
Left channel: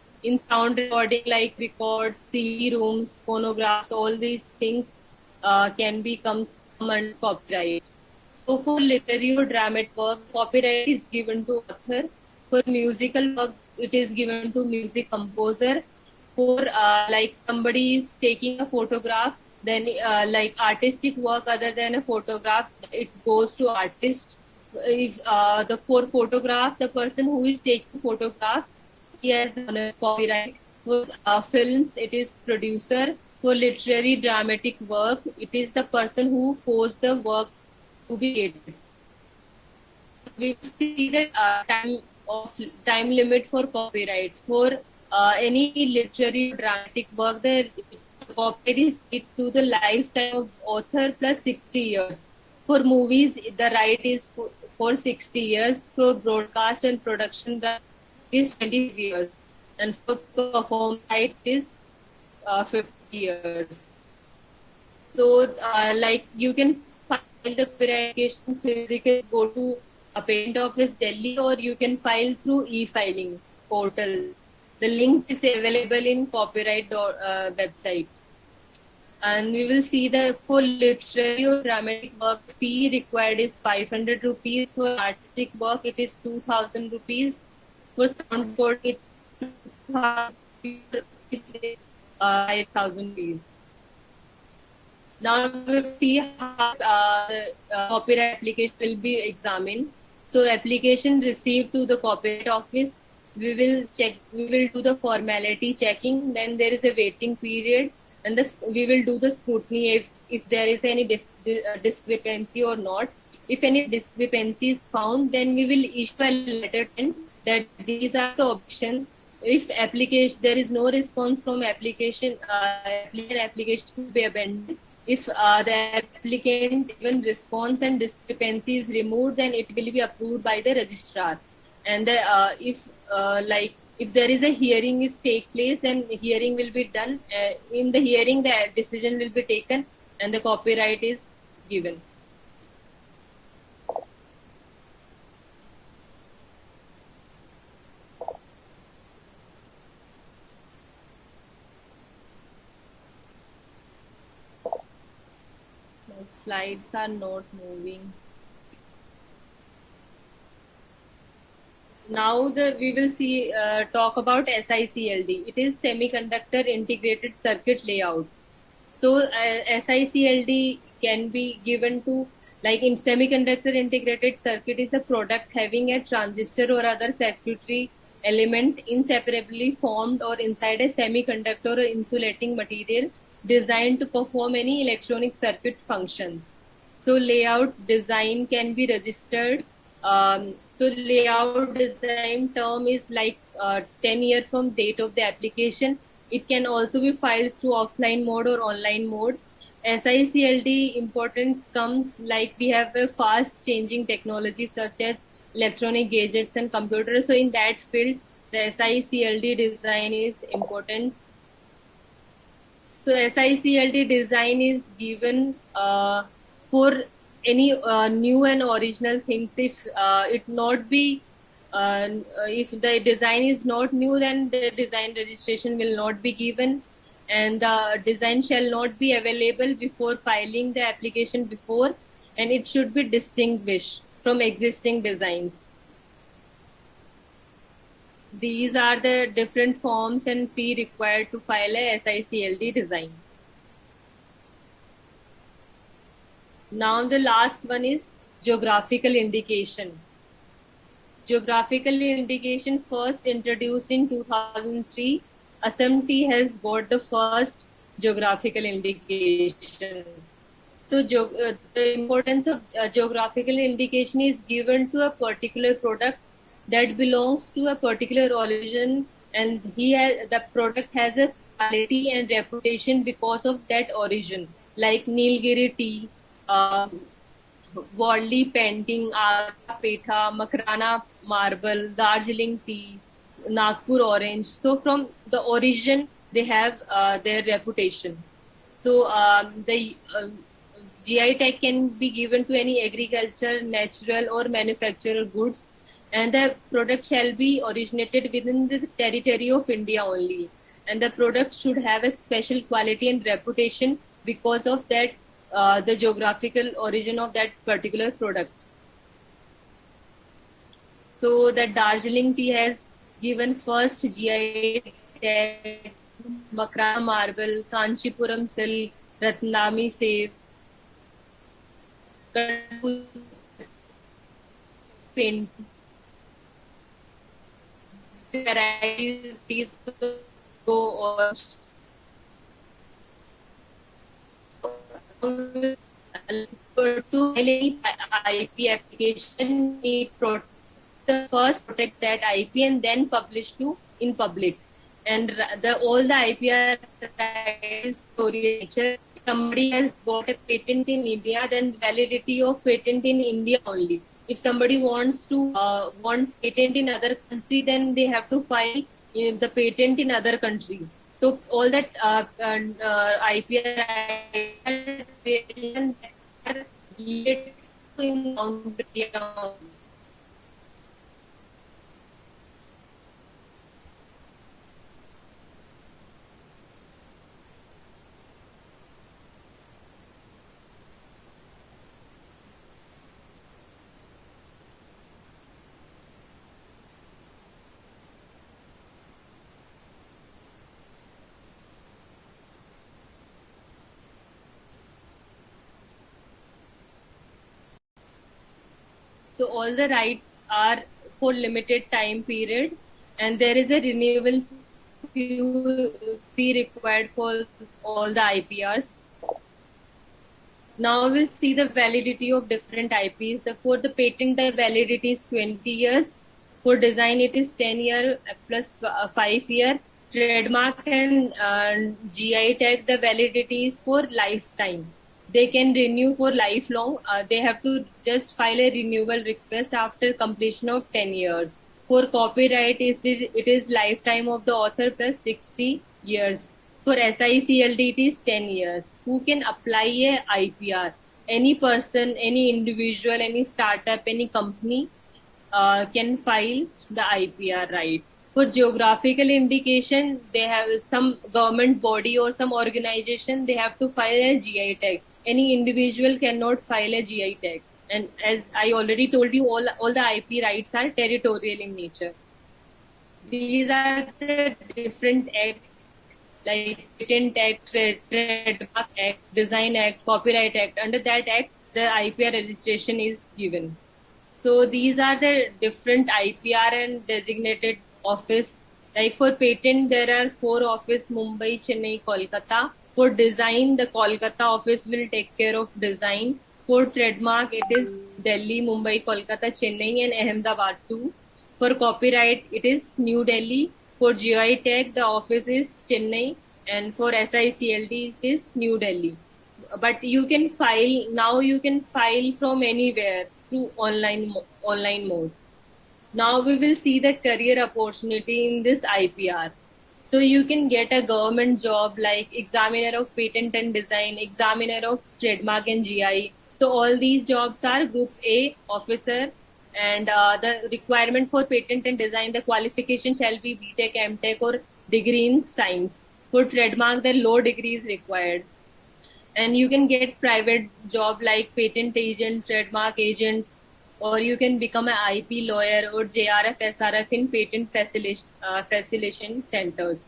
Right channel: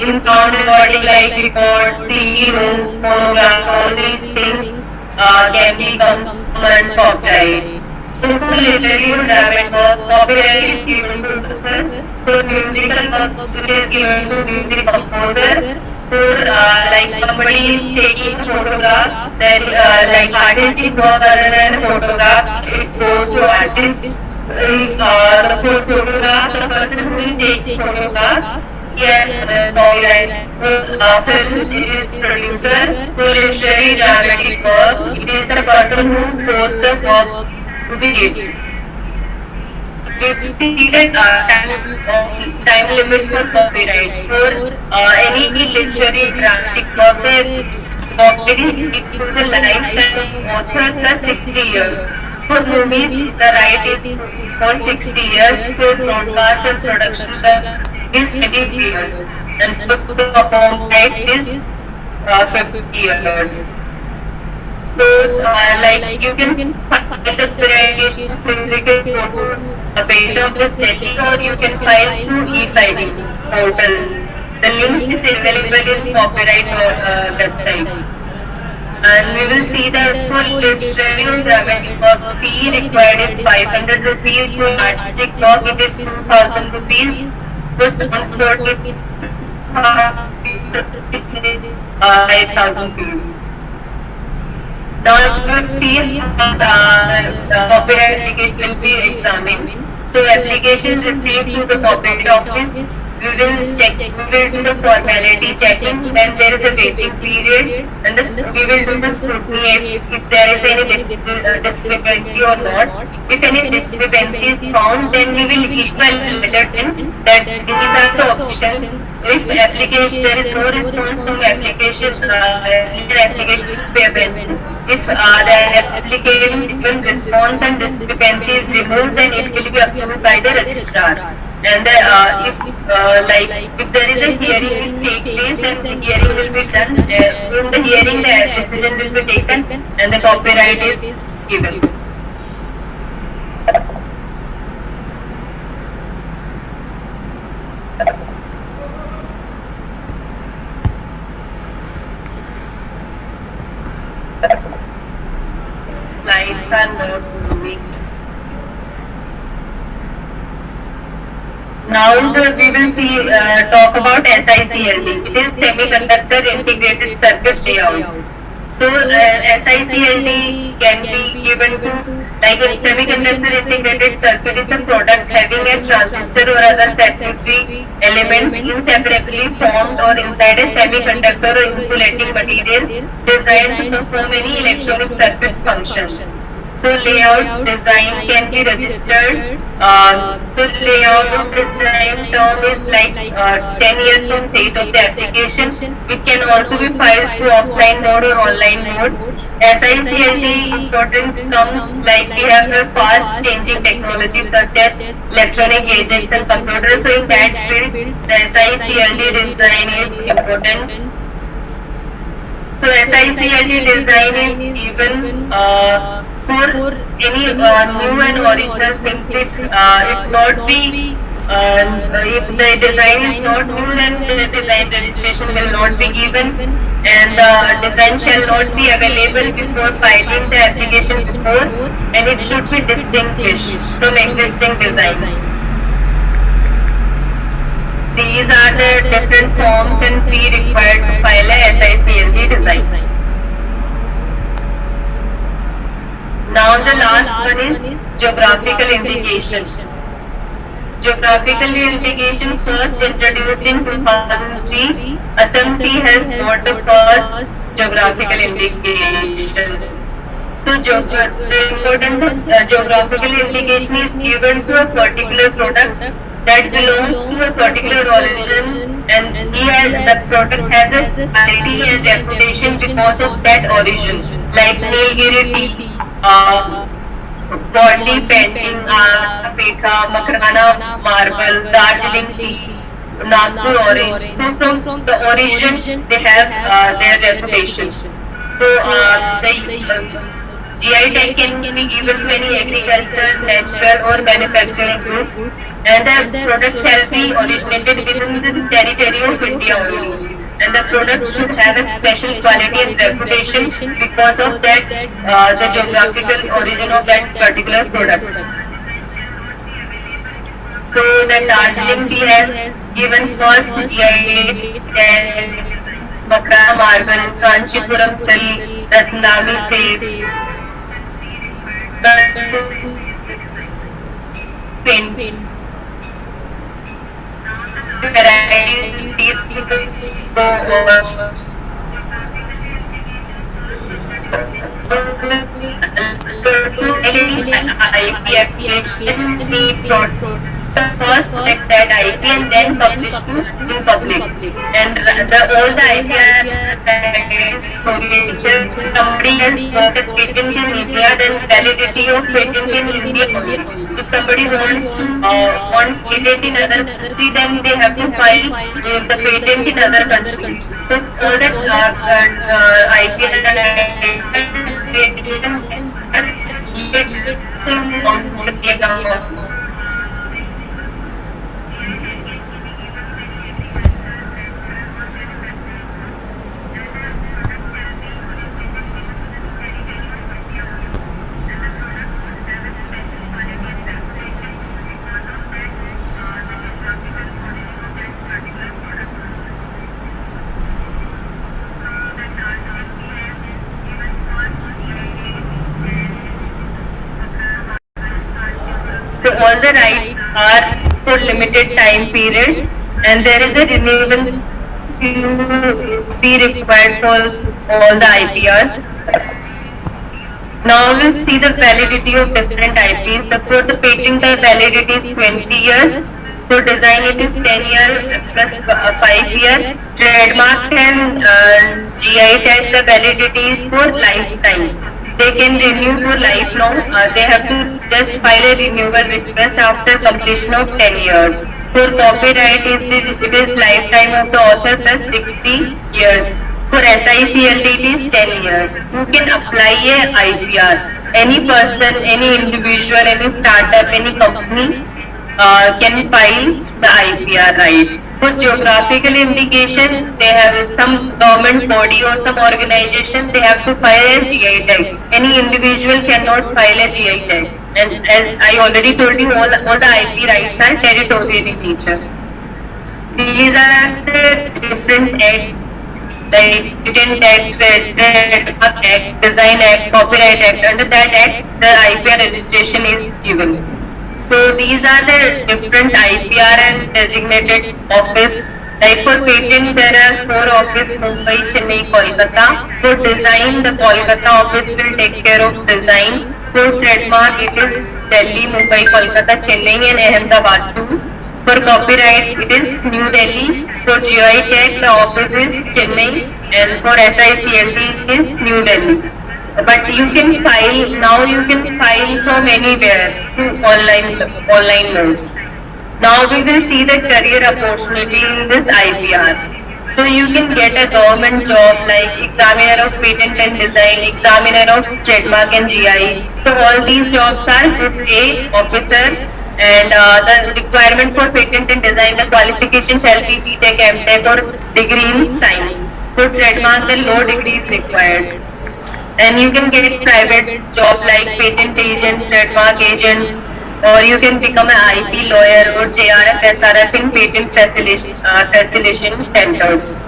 in non-body like reports, CD-ROMs, phonographs, all these things can become under copyright. So literary or dramatic work, copyright is given to author. With musical work, it is given to music composer. Like somebody is taking a photograph, then like artist draws a photograph, it goes to artist. The photograph, the person who is taking photograph, yes, copyright. Actually, it is producer. So literary dramatic work, it is the person who hosts the work to be read. We see the time limit for copyright for any literary dramatic work. Copyright is equal to the lifetime of author plus 60 years. For movies, the right is for 60 years. For broadcast and production is 20 years. And for the copyright is 50 years. So, like you can file the application, so you can go to a paid office Delhi or you can file through e-filing portal. The link is available in copyright website. And we will see the full literary or dramatic work fee required is 500 rupees, for artistic work it is 2000 rupees, for sound recording it's 5,000 rupees. Now we will see the copyright application will be examined. So application received to the copyright office, we will do the quality checking, then there is a waiting period, and we will do the scrutiny if there is any discrepancy or not. If any discrepancy is found, then we will issue a bulletin that these are the options. If application there is no response from application, application payment. If the applicant will respond and discrepancy is removed, then it will be approved by the registrar. And if there is a hearing which takes place, then hearing will be done. In the hearing, the decision will be taken and the copyright is given. Slides are not moving. Now we will see, talk about SICLD. It is Semiconductor Integrated Circuit Layout. So SICLD can be given to like semiconductor integrated circuit is a product having a transistor or other circuitry element separately formed or inside a semiconductor or insulating material designed to perform any electronic circuit functions. So layout design can be registered. So layout design term is like 10 years from date of the application. It can also be filed through offline mode or online online mode. SICLD importance comes like we have a fast changing technology such as electronic gadgets and computers. So in that field, the SICLD design is important. So SICLD design is even for any new and original things. If not be if the design is not new, then the design registration will not be given, and the design shall not be available before filing the application for, and it should be distinguished from existing designs. These are the different forms and fee required to file a SICLD design. Now the last one is geographical indication. Geographical indication first introduced in 2003. Assembly has got the first geographical indication. So importance of geographical indication is given to a particular product that belongs to a particular origin, and here the product has a quality and reputation because of that origin, like Nilgiri tea, Goldi painting, Pekha, Makrana marble, Darjeeling tea, Nagpur orange. So from the origin they have their reputation. So the GI tag can be given to any agricultural, natural or manufactured goods, and the product shall be originated within the territory of India only. And the product should have a special quality and reputation because of that the geographical origin of that particular product. So the Darjeeling tea has given first GI tag, Makrana marble, Kanchipuram silk, Ratnami silk, pin varieties first that IPR then published in public, and all the IPR somebody has got a patent in India, then validity of patent in India only. If somebody wants patent in other country, then they have to file the patent in other countries. So all that IPR So all the rights are for limited time period, and there is a renewable fee required for all the IPRs. Now we will see the validity of different IPs. For the patent, the validity is 20 years. For design, it is 10 years plus 5 years. Trademark and GI tag, the validity is for lifetime. They can renew for lifelong. They have to just file a renewal request after completion of 10 years. For copyright, it is lifetime of the author plus 60 years. For SICLD, it is 10 years. You can apply a IPR. Any person, any individual, any startup, any company can file the IPR right. For geographical indication, they have some government body or some organization, they have to file a GI tag. Any individual cannot file a GI tag. And as I already told you, all the IP rights are territorial in nature. These are the different acts, like Patent Act, Trademark Act, Design Act, Copyright Act. Under that act, the IPR registration is given. So these are the different IPR and designated office. Like for patent, there are 4 offices: Mumbai, Chennai, Kolkata. For design, the Kolkata office will take care of design. For trademark, it is Delhi, Mumbai, Kolkata, Chennai and Ahmedabad. For copyright, it is New Delhi. For GI Tech, the office is Chennai. And for SICLT, it is New Delhi. But you can file, now you can file from anywhere through online mode. Now we will see the career opportunity in this IPR. So you can get a government job like examiner of patent and design, examiner of trademark and GI. So all these jobs are Group A officer, and the requirement for patent and design, the qualification shall be BTech, MTech or degree in science. For trademark, the no degree is required. And you can get private job like patent agent, trademark agent, or you can become an IP lawyer or JRF, SRF in patent facilitation centers.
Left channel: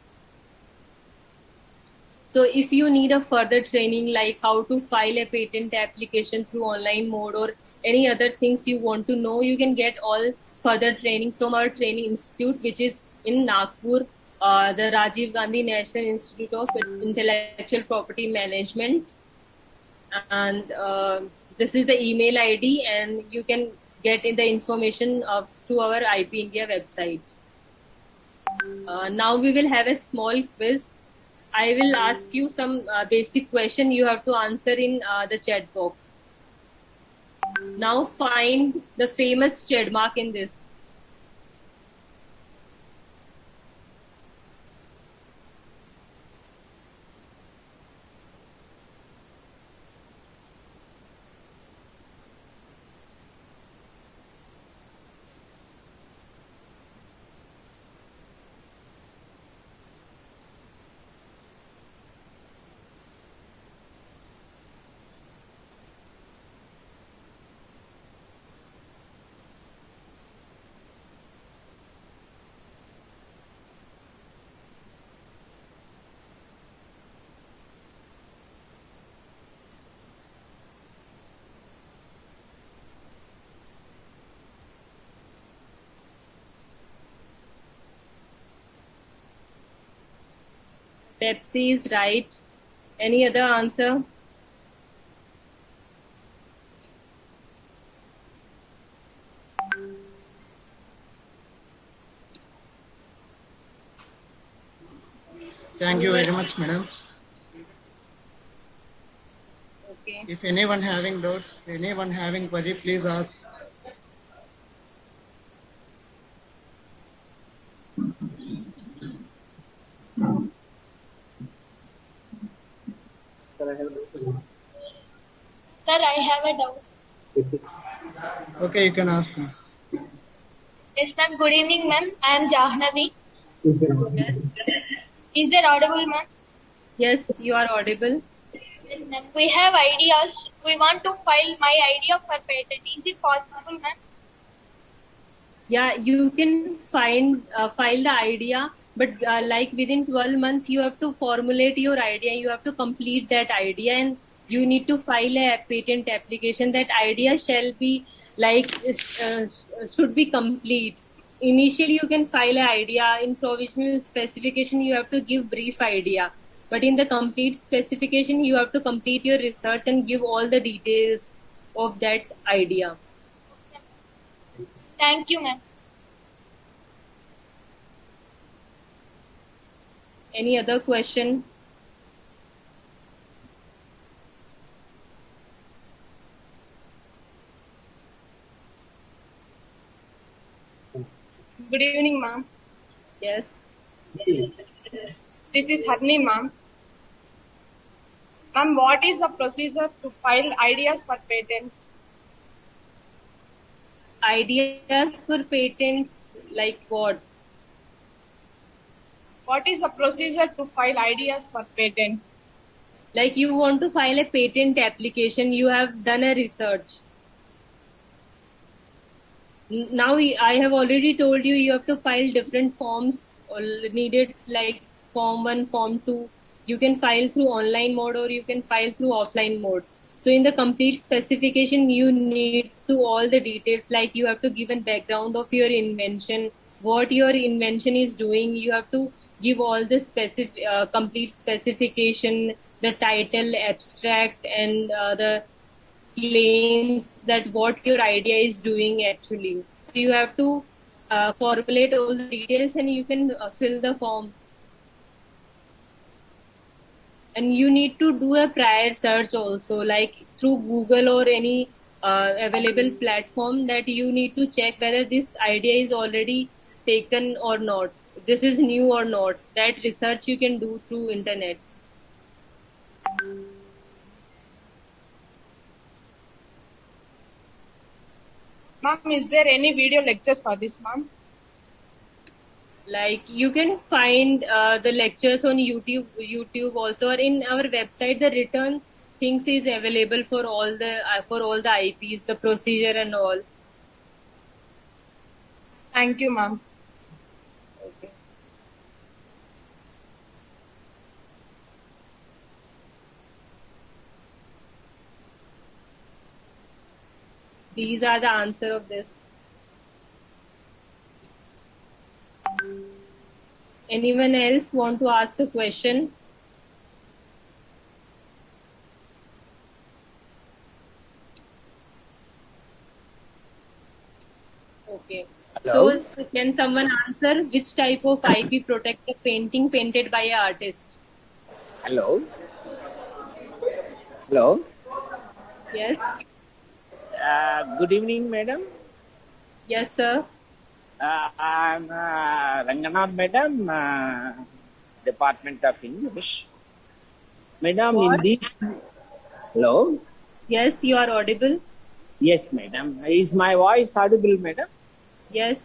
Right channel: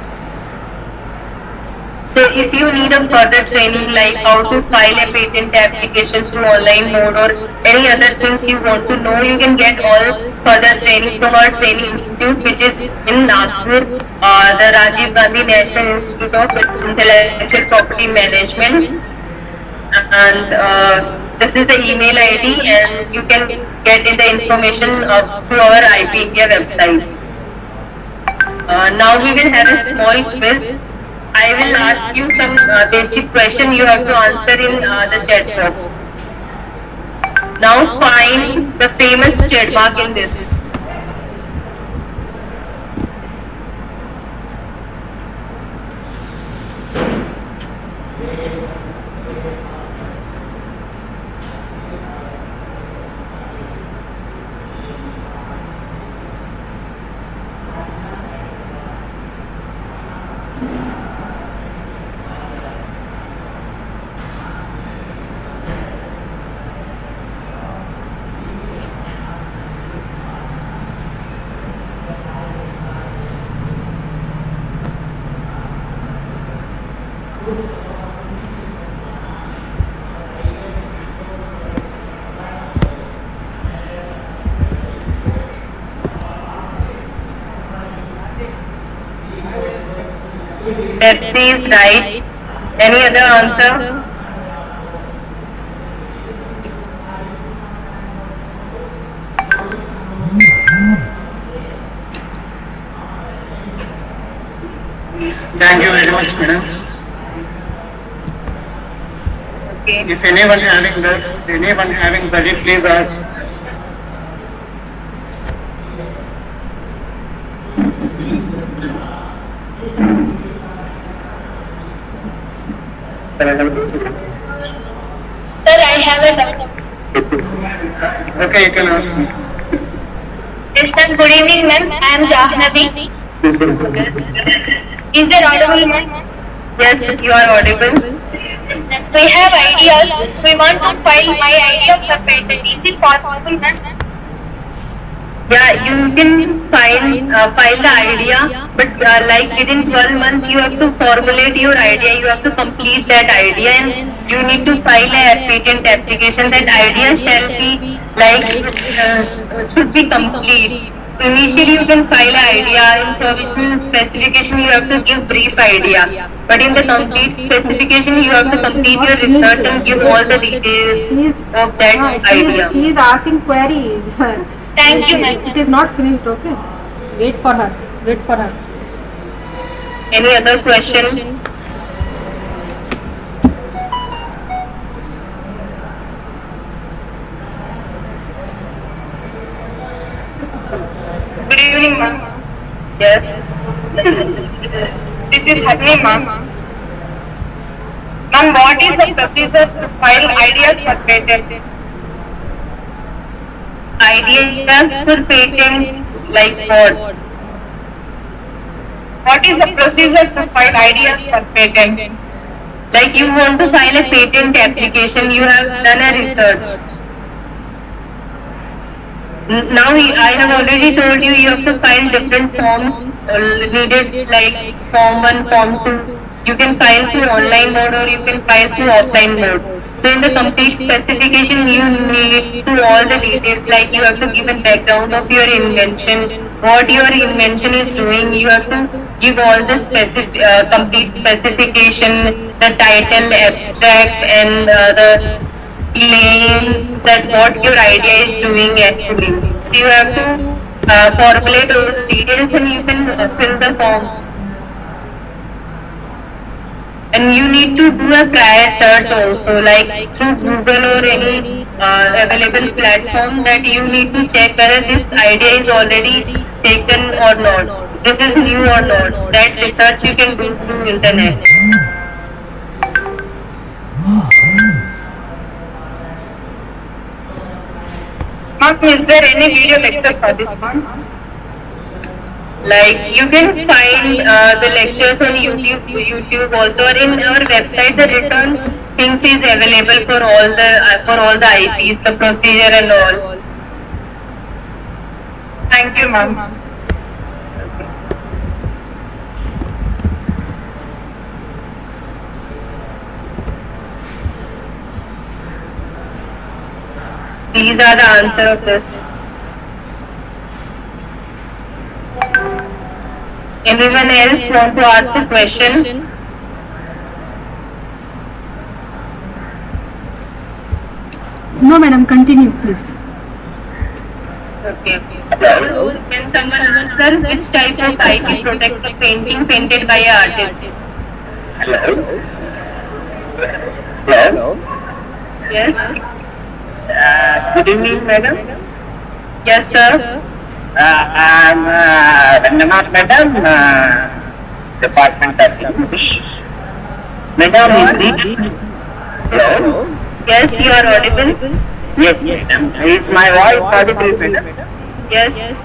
So if you need a further training like how to file a patent application through online mode or any other things you want to know, you can get all further training from our training institute, which is in Nagpur, the Rajiv Gandhi National Institute of Intellectual Property Management. And this is the email ID, and you can get the information through our IPR website. Now we will have a small quiz. I will ask you some basic questions you have to answer in the chat box. Now find the famous trademark in this. Pepsi is right. Any other answer? Thank you very much, madam. Okay. If anyone having query, please ask. Sir, I have a doubt. Okay, you can ask. Yes, sir. Good evening, ma'am. I am Jahnavi. Is there audible, ma'am? Yes, you are audible. We have ideas. We want to file my idea of patent. Is it possible, ma'am? Yeah, you can file the idea, but like within 12 months you have to formulate your idea, you have to complete that idea, and you need to file a patent application. That idea shall be should be complete. Initially you can file idea, in provisional specification you have to give brief idea, but in the complete specification you have to complete your research and give all the details of that idea. She is asking query. Thank you, ma'am. It is not finished, okay? Wait for her. Any other question? Good evening, ma'am. Yes. This is Hasni, ma'am. Ma'am, what is the procedure to file ideas for patent? Ideas for patent, like what? What is the procedure to file ideas for patent? Like you want to file a patent application, you have done a research. Now I have already told you you have to file different forms needed, like form 1, form 2. You can file through online mode or you can file through offline mode. So in the complete specification you need to all the details, like you have to give a background of your invention, what your invention is doing, you have to give all the complete specification, the title, abstract and the claims that what your idea is doing actually. So you have to Populate those details and you can fill the form. And you need to do a prior search also, like through Google or any available platform, that you need to check whether this idea is already taken or not. This is new or not. That research you can do through internet. Ma'am, is there any video lectures for this, ma'am? Like you can find the lectures on YouTube also, or in our website. The written things is available for all the IPs, the procedure and all. Thank you, ma'am. These are the answer of this. Everyone else want to ask a question? No, madam, continue, please. Okay. So, can someone tell which type of IP protect painting painted by an artist? Hello? Hello? Yes. Good evening, madam. Yes, sir. Madam, Department of English. Madam, hello? Yes, you are audible. Yes, madam. Is my voice audible, madam? Yes.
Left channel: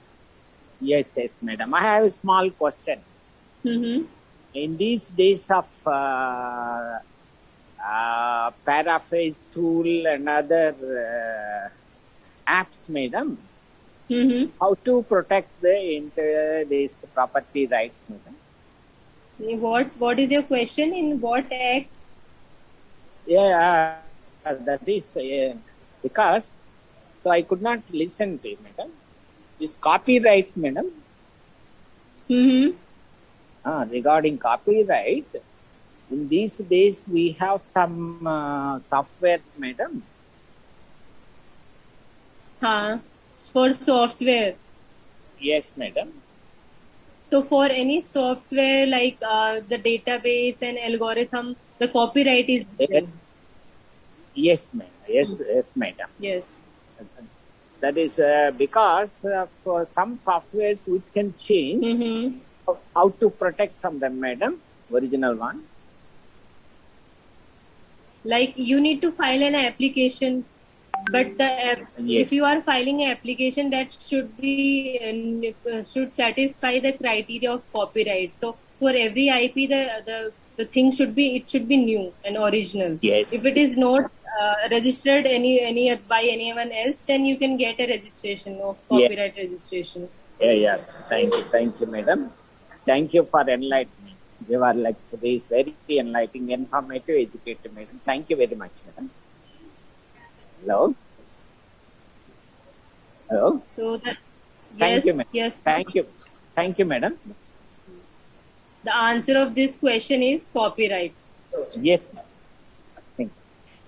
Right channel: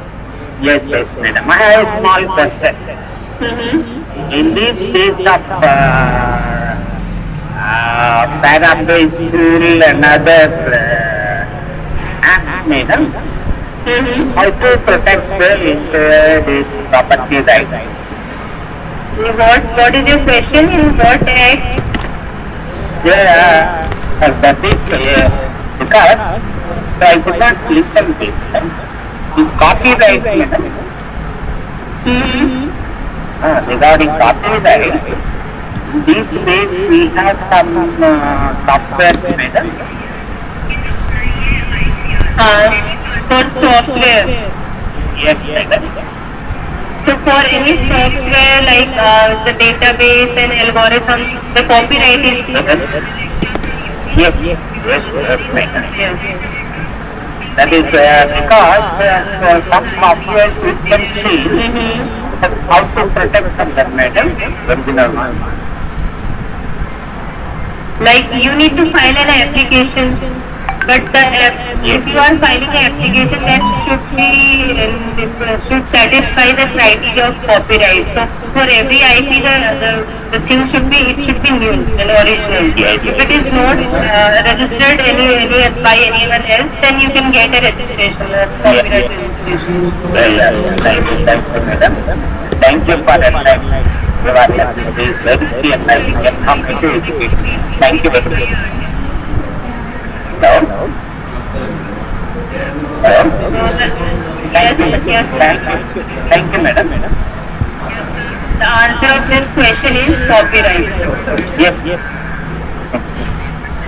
Yes, madam. I have a small question. In these days of paraphrase tool and other apps, madam, how to protect this property rights? What is your question? In what act? That is because I could not listen is copyright, madam. Regarding copyright, these days we have some software, madam. For software. Yes, madam. So for any software like the database and algorithm, the copyright is Yes, yes. that is because some software which can change how to protect them, madam, original one. Like you need to file an application, but if you are filing an application, that should satisfy the criteria of copyright. So for every IP, the thing should be new and original. If it is not registered by anyone else, then you can get a registration, copyright registration. Madam. Thank you for enlightening. You are very enlightening. Thank you very much. Hello? Thank you, madam. The answer of this question is copyright. Yes.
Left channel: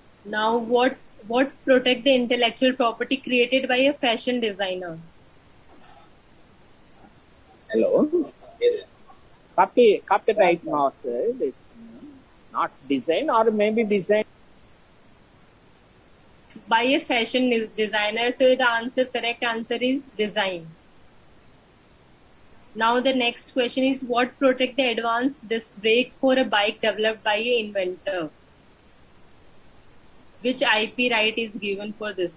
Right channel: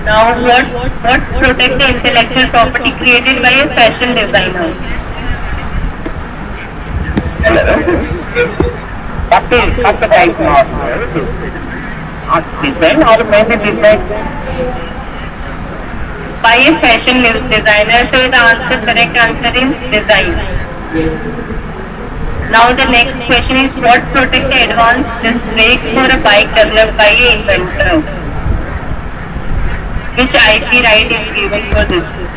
Now what protect the intellectual property created by a fashion designer? Copyright design or maybe design By a fashion designer, so the correct answer is design. Now the next question is what protect the advanced disc brake for a bike developed by a inventor? Which IP right is given for this?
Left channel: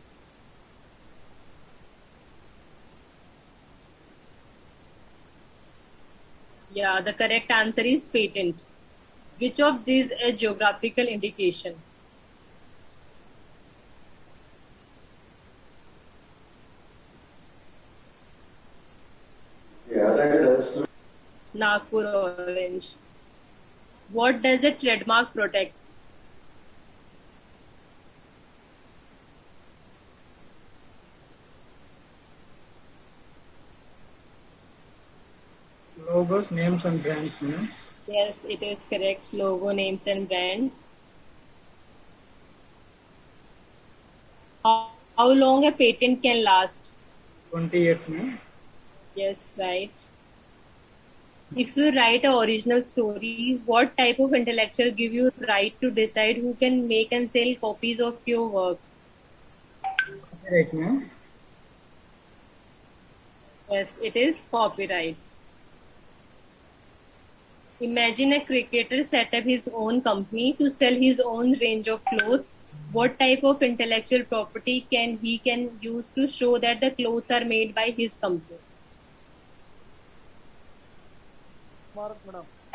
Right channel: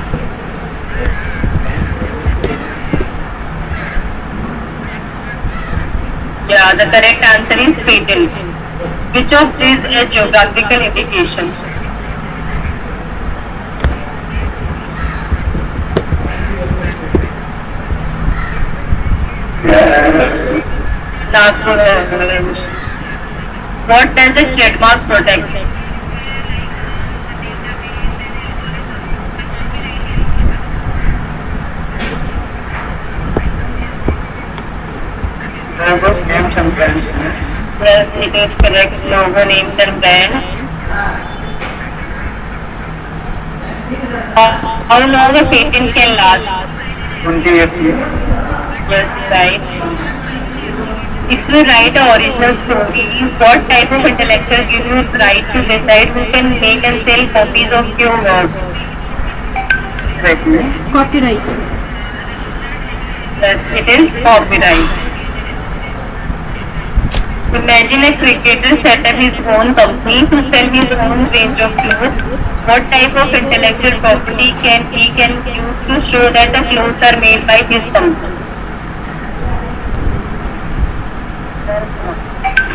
Yeah, the correct answer is patent. Which of these is geographical indication? What does the trademark protect? Yes, it is correct. Logo, names and brand. How long a patent can last? 28 years. Yes, right. If you write an original story, what type of intellectual give you right to decide who can make and sell copies of your work? Copyright. Yes, it is copyright. Imagine a cricketer set up his own company to sell his own range of clothes. What type of intellectual property can he use to show that the clothes are made by his company?